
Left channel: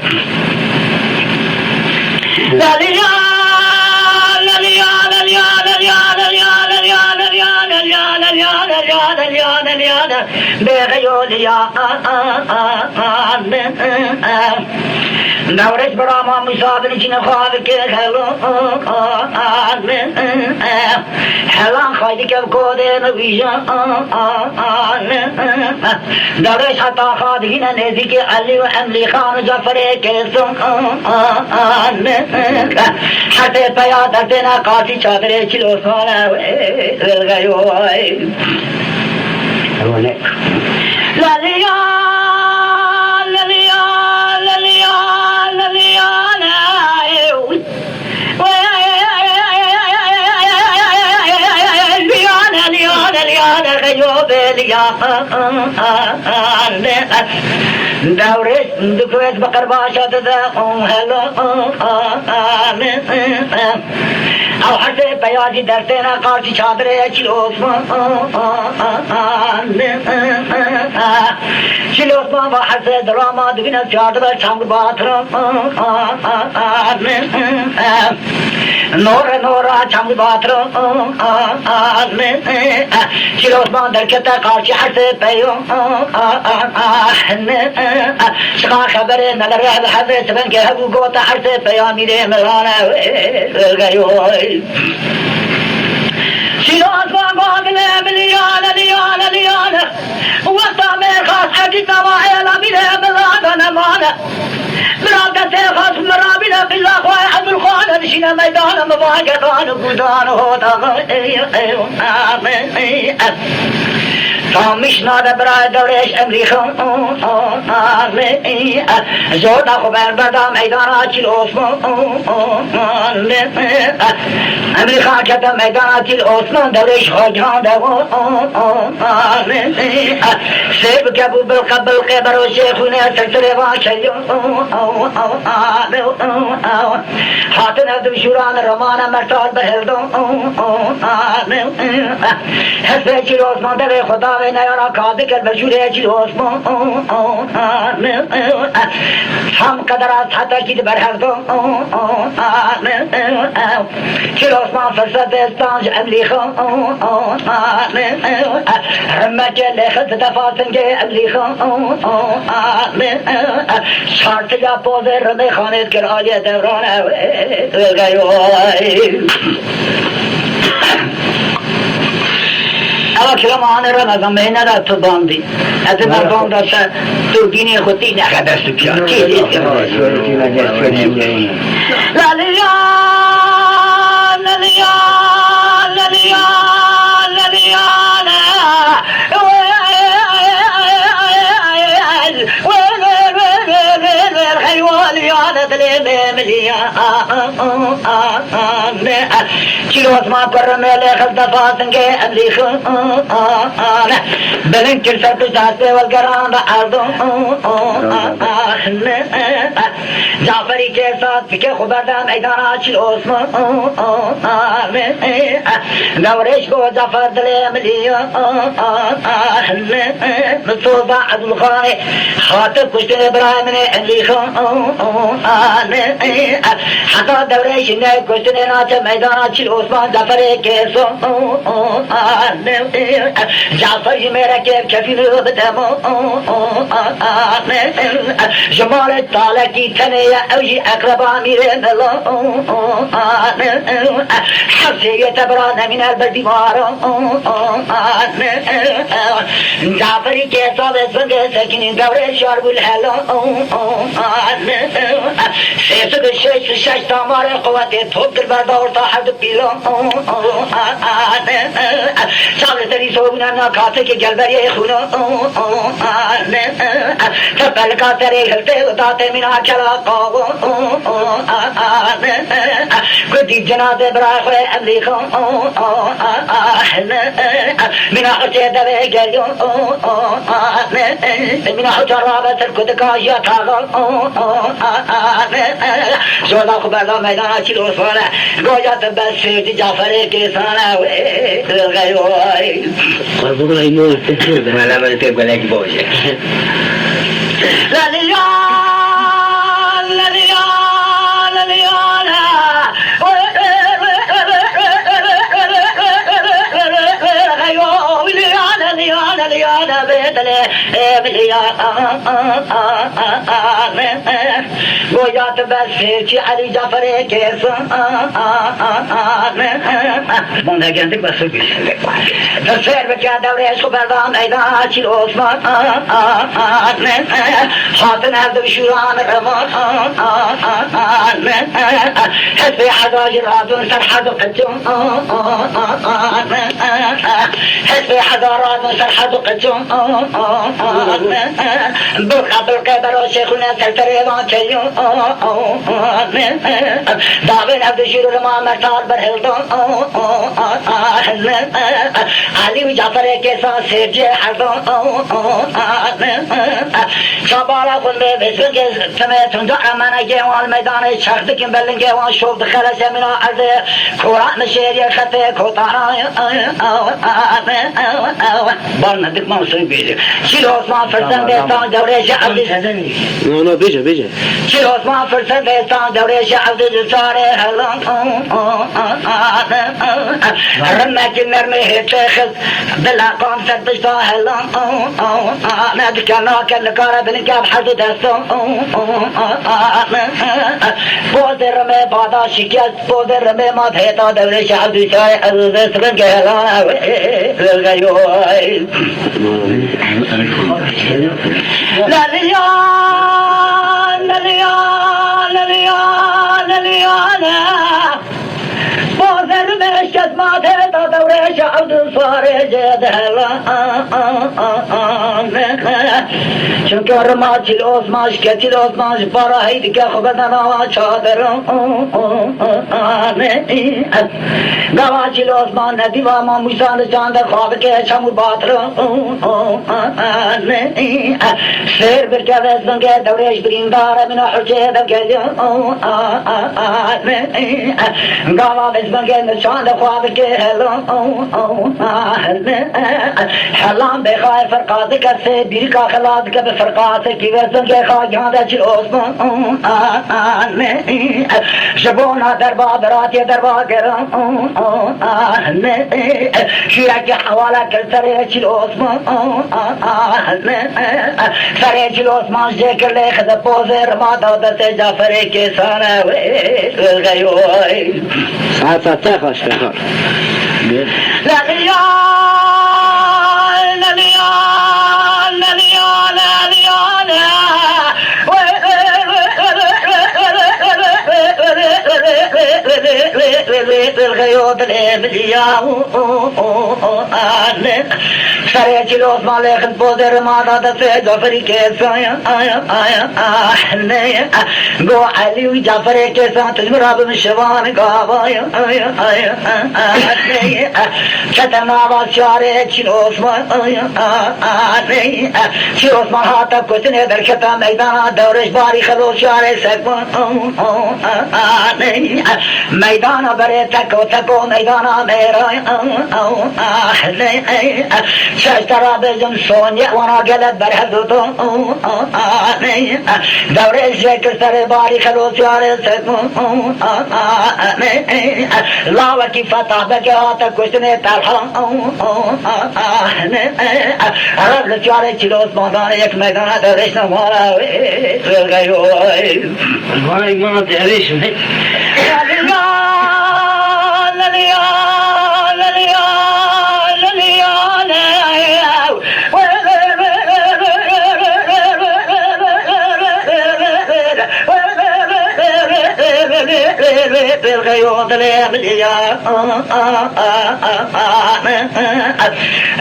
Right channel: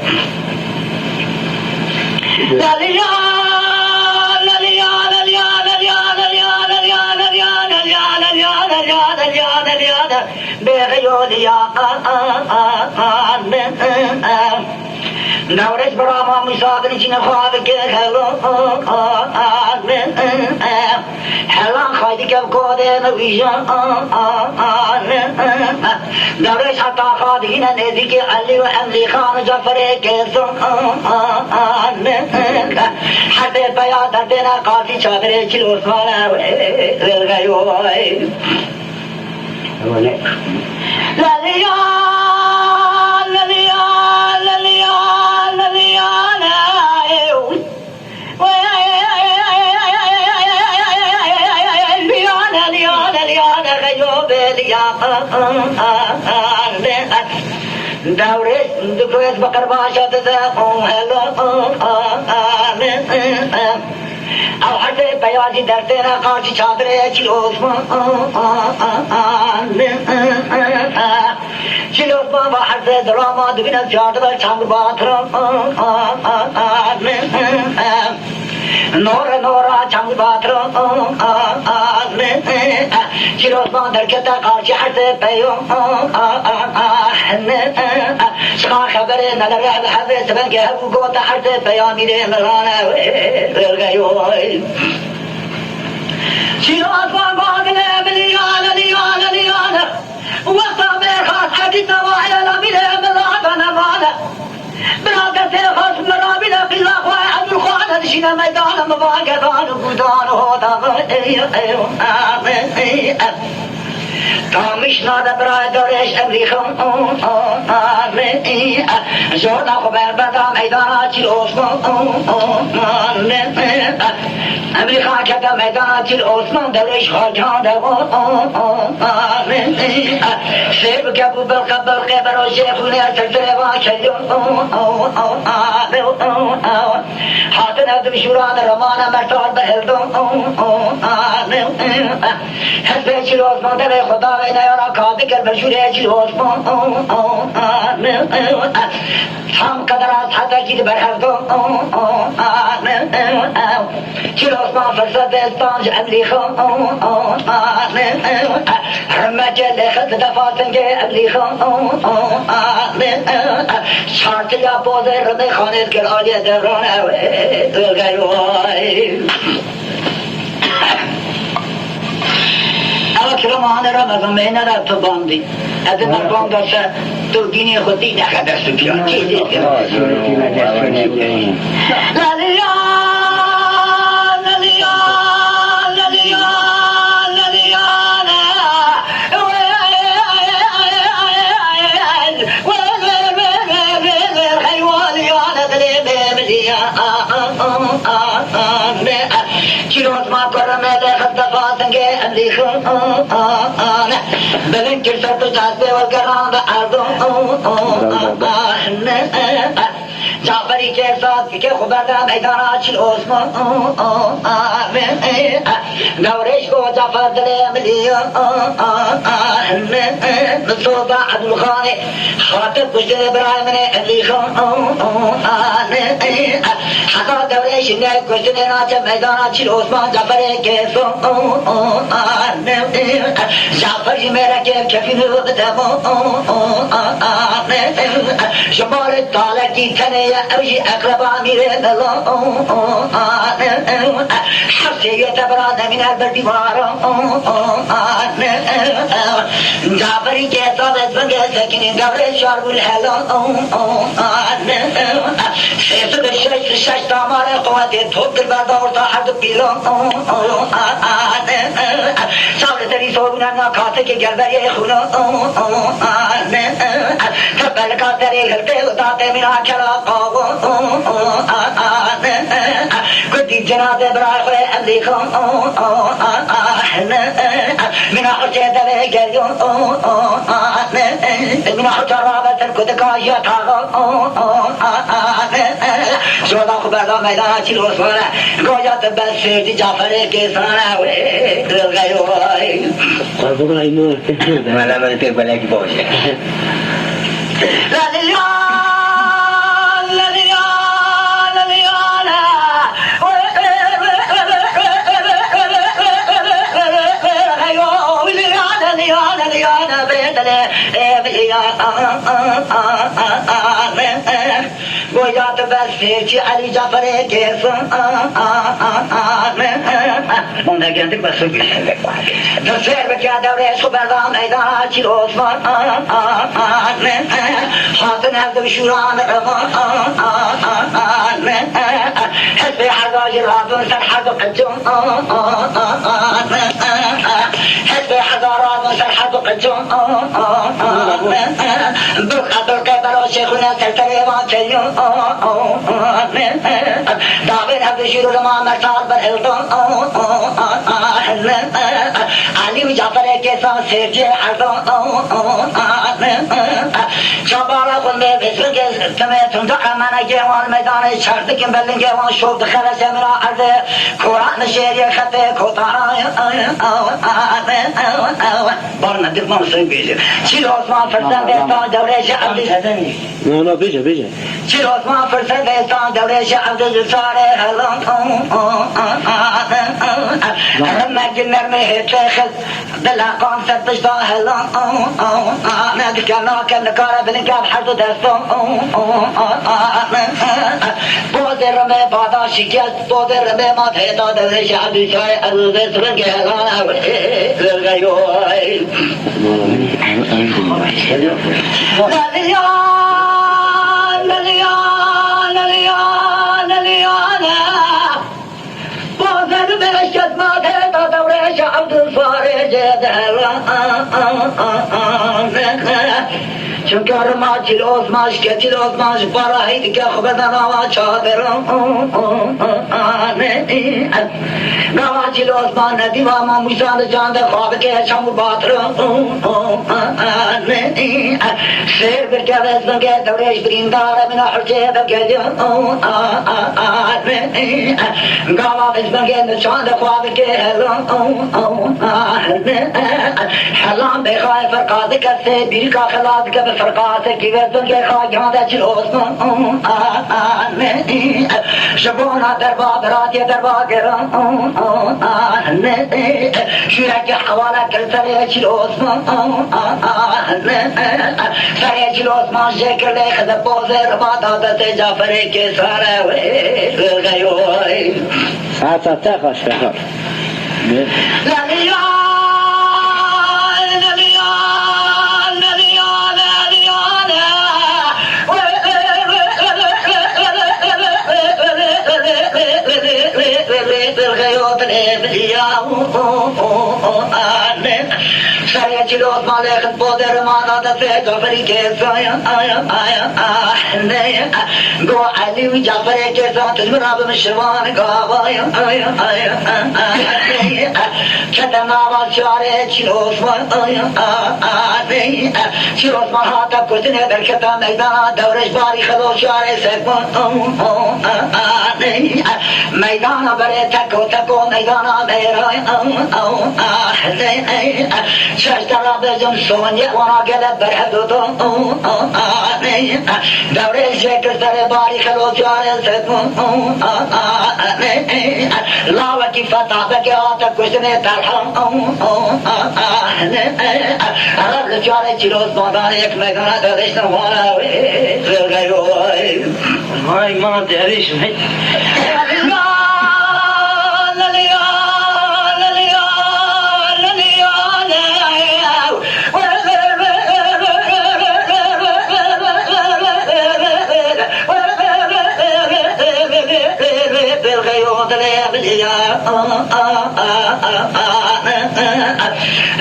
Navret Brahma müsaaden içine fâdık hello هلان خواهی که بکوده نویشان درش حتی خواهی نزدیک علی و املی خان و جعفر کسان حتی پیا دردنا قاسی چادر چلو سوالا دورش دکویت بقر باشد دقم هلا او حرف بیازی در تینا قارسی چادره چیل عثمان چیل عثمان و حرف دراما دوینا چادره چنگ باترم نورا چنگ باترم چیل عثمان در کتا قارسی حرف بیام شما خبره نگر رهد حرف سبن که هبو گوتا حرف بیامی ره نرانه غیوی شیراز باقل لیانه وقتا میخواست حدیث وعیلا بیره ملادن مانه مرادت خاص مرابینا بالله خواه عبد الخوان نشینا میدان مباقدان بودان هوتا تامیش ناده برای دورش امریخا زودا خوبر بدا میدانا چیل عثمان امریخا کتا میدانا چیل عثمان دورش خواجان دو سیب کبو بلقه برو شیخونه سلسله واکلیو حاطن ابدو شوران رمان مرتار بهردو حسب چیل عثمان دور خدا و نیارا کابه کر بشوره چیل عثمان هم قدر از حتی چیل برهردو چیل عثمان فرصت استانج املیخو همه که لخت دفاتن که املیخو شارت یا بوزه رده خانید کر آلی دورانه اما کلام آنه را نظام مهنه را تو باندی از مردم داشته دوربینی خودی نخده سکیان چیزید که چیلو اسما کرم لیخل دفاتن که ابلیخون بلن کل سر کچ داسته والگران دا عرضون جعفری که ساتھ فکر خبردم ایدانا چیل اسما گورش کو جعفر دل ملیون مصوبہ عبدالخان خاطب کشتن برای من ابلیخون حتا دورش نه کشتن ناچه میدانا چیل عثمان جعفر کیسون جعفر جی میرا کیب کفی رو بدمو شمال تاله کی کنه یا اوشی اقربا میره نلون حفظه یه تبرا نمین البر دیوارون جعفری که صابت بنده سکنین دوره شارب الحلون سیسد شش تامار قوت توب در بردار تا حد پیلون سال تری سوگنا ناکاته که گلبری خونون تبل کاتره هلته اتاته مینا کلا قاون گدی جنازه برای خوی املی خون مینا خرچه دوه گلیون مینا خرچه رابط سرکت کاشی اتاقون شودا خبردا میدان چیل عثمانه گوجات بس سیدی جعفر کسانه غیوی خواهدون اینو تکیه مالا من تک بلکی باشه گویات بسیچی علی جعفر کسان من نگردیم بس رو بیشتر در سر بکر دوره سوبردان ایدان چی عثمان حاطن عبد بشوران روان حسب حضاج رابون سرحد قجون حسب حضارات سرحد قجون بالخطر كبر وشيخنا سلسلة ما تشيو دابين عبد الشير لما مرتار برهلتون علي وجعفر كيسا سيرجي حرطون شابالا قلبي بسرق سميتون دعا مانا جيوان ميدان شرط كم بلن جيوان شوف دخل سمنا عرض كوران الشيري خطي كوطا بارنا ديك ما نصير بيجي شيل عثمان فرسان بيستان دوري شعب نه بیجه شيل عثمان فرسان بيستان دوري شعب جساري هلون رمك المرمي هتاخذ بالأقام ستبشتا هلون نادك ناك النكارة بالنكاب حدو دستون بود رمي بعدا شكست بود رمي ما تهيطا دوري شعب جساري أبو بسرق هلون للغيوي لليان بوزن بشت ما تهتا دوري شعب صاري جدهلا چونکه رماتی لازماش کتی لازماش برای دیگه خبردن آوا چادرم گواچی لازمان ندیوا ما موسان جاند خواب که شمو باترم سیر برکه وزن که دورش برینداره من حرچه دکه گوا وزن که نشاند خواب که حلام بخواه فرقات کسه دیر کا خلاد که فرقات کی وزن که خواه جانده چل عثمان شبونا دربا براتی دربا گرم شیرکی حواله کر سره چل عثمان سره چل عثمان شکر لی خد بوزر ما دادت جعفر که ساره غیوی ساعت خوش بکار الغيوب الإبلياء سريع جلوس مالك بودر ما دادت جعفر كيسا قو علي وجعفر كيسا تجمرا بمشروان قابا كتنا بشارع جلوس جلوس ما هاتا كتنه در كتا ميدان دورش باري خلو شارع سكون ميدان بري تكو ميدان ميرا شاشترا بزم سونيا وانا قلب برهدو دوري الشكر سر باري خلو شارع سكون لاوكي فتح بكيوتا كشنه ترحم رب لشارع جلوس مادان یک ميدان دورش نماوي غيوي هاي ما تعريش الغيوط الأبلياء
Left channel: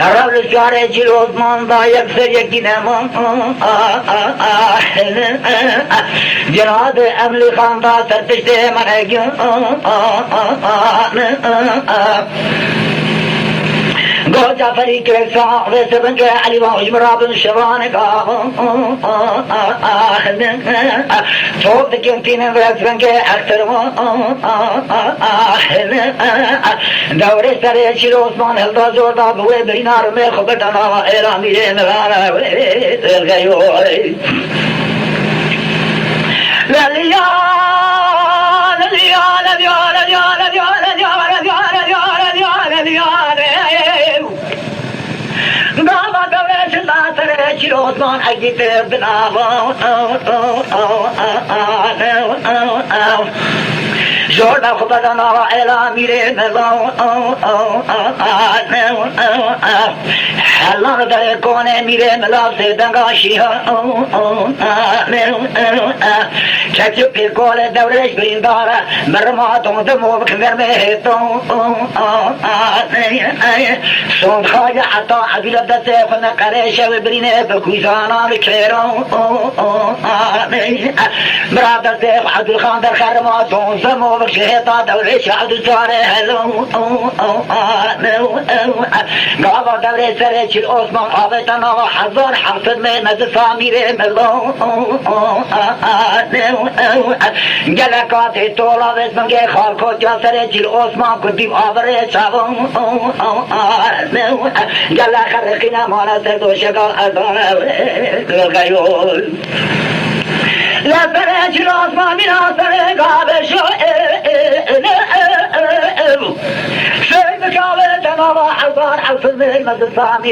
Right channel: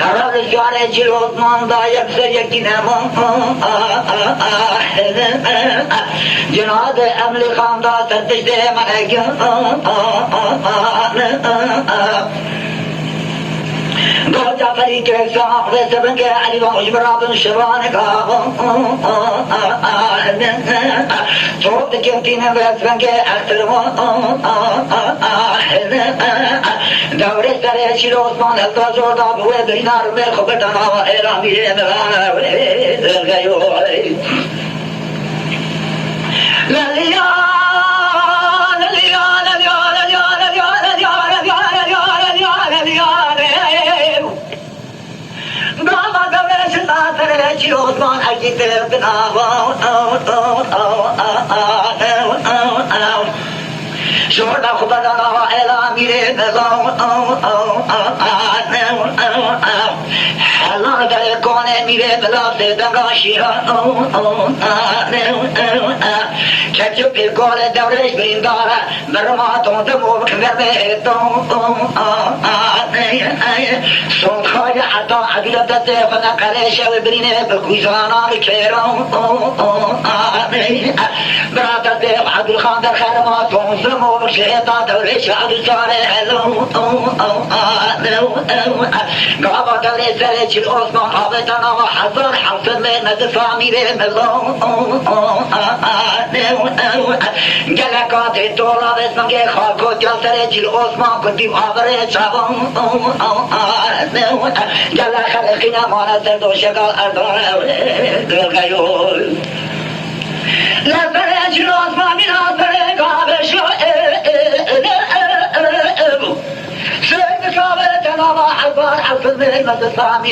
الرب الشارع جلوس من ضايق سريك نمو جناد أملي خاندا سرتشته من أجل قد جعفري كرسا وسبن علي وعجبرا بن شبان قام توب كنتين وسبن أكثر دور سر شير عثمان هل تزور دابوه بينار में خبرنا إرامي نوانا غيوي لا ليا لا ليا لا ليا لا ليا لا ليا لا ليا لا ليا لا ليا لا ليا Gama gavesna tere chirosman agite binavan جورنا خبرنا إلى ميري ملون حلا در کونه میره ملاف دنگاشیها چکیو پیرگول دورش برینداره مرماتون دمو بکمر مهدون صندهای حتی عدیل دسته فنقرشه و برینه بکوزانا بکرون مراد دیو عبدال خان در خرماتون دمو بکشهتا دورش عبدال ساره هلون قابا دورش سره چیل عثمان آبتنا و حضار حفظ مهمت فامیره ملون گلکات تولا بزنگه خالکو جل سره چیل عثمان کدیم آبره چاون گلک خلقینا مانا در دوشگال اداره گلگیول لسره چیل عثمان مینا سره گابه شو سيد كامل تمام حضار حفظ من المدفع من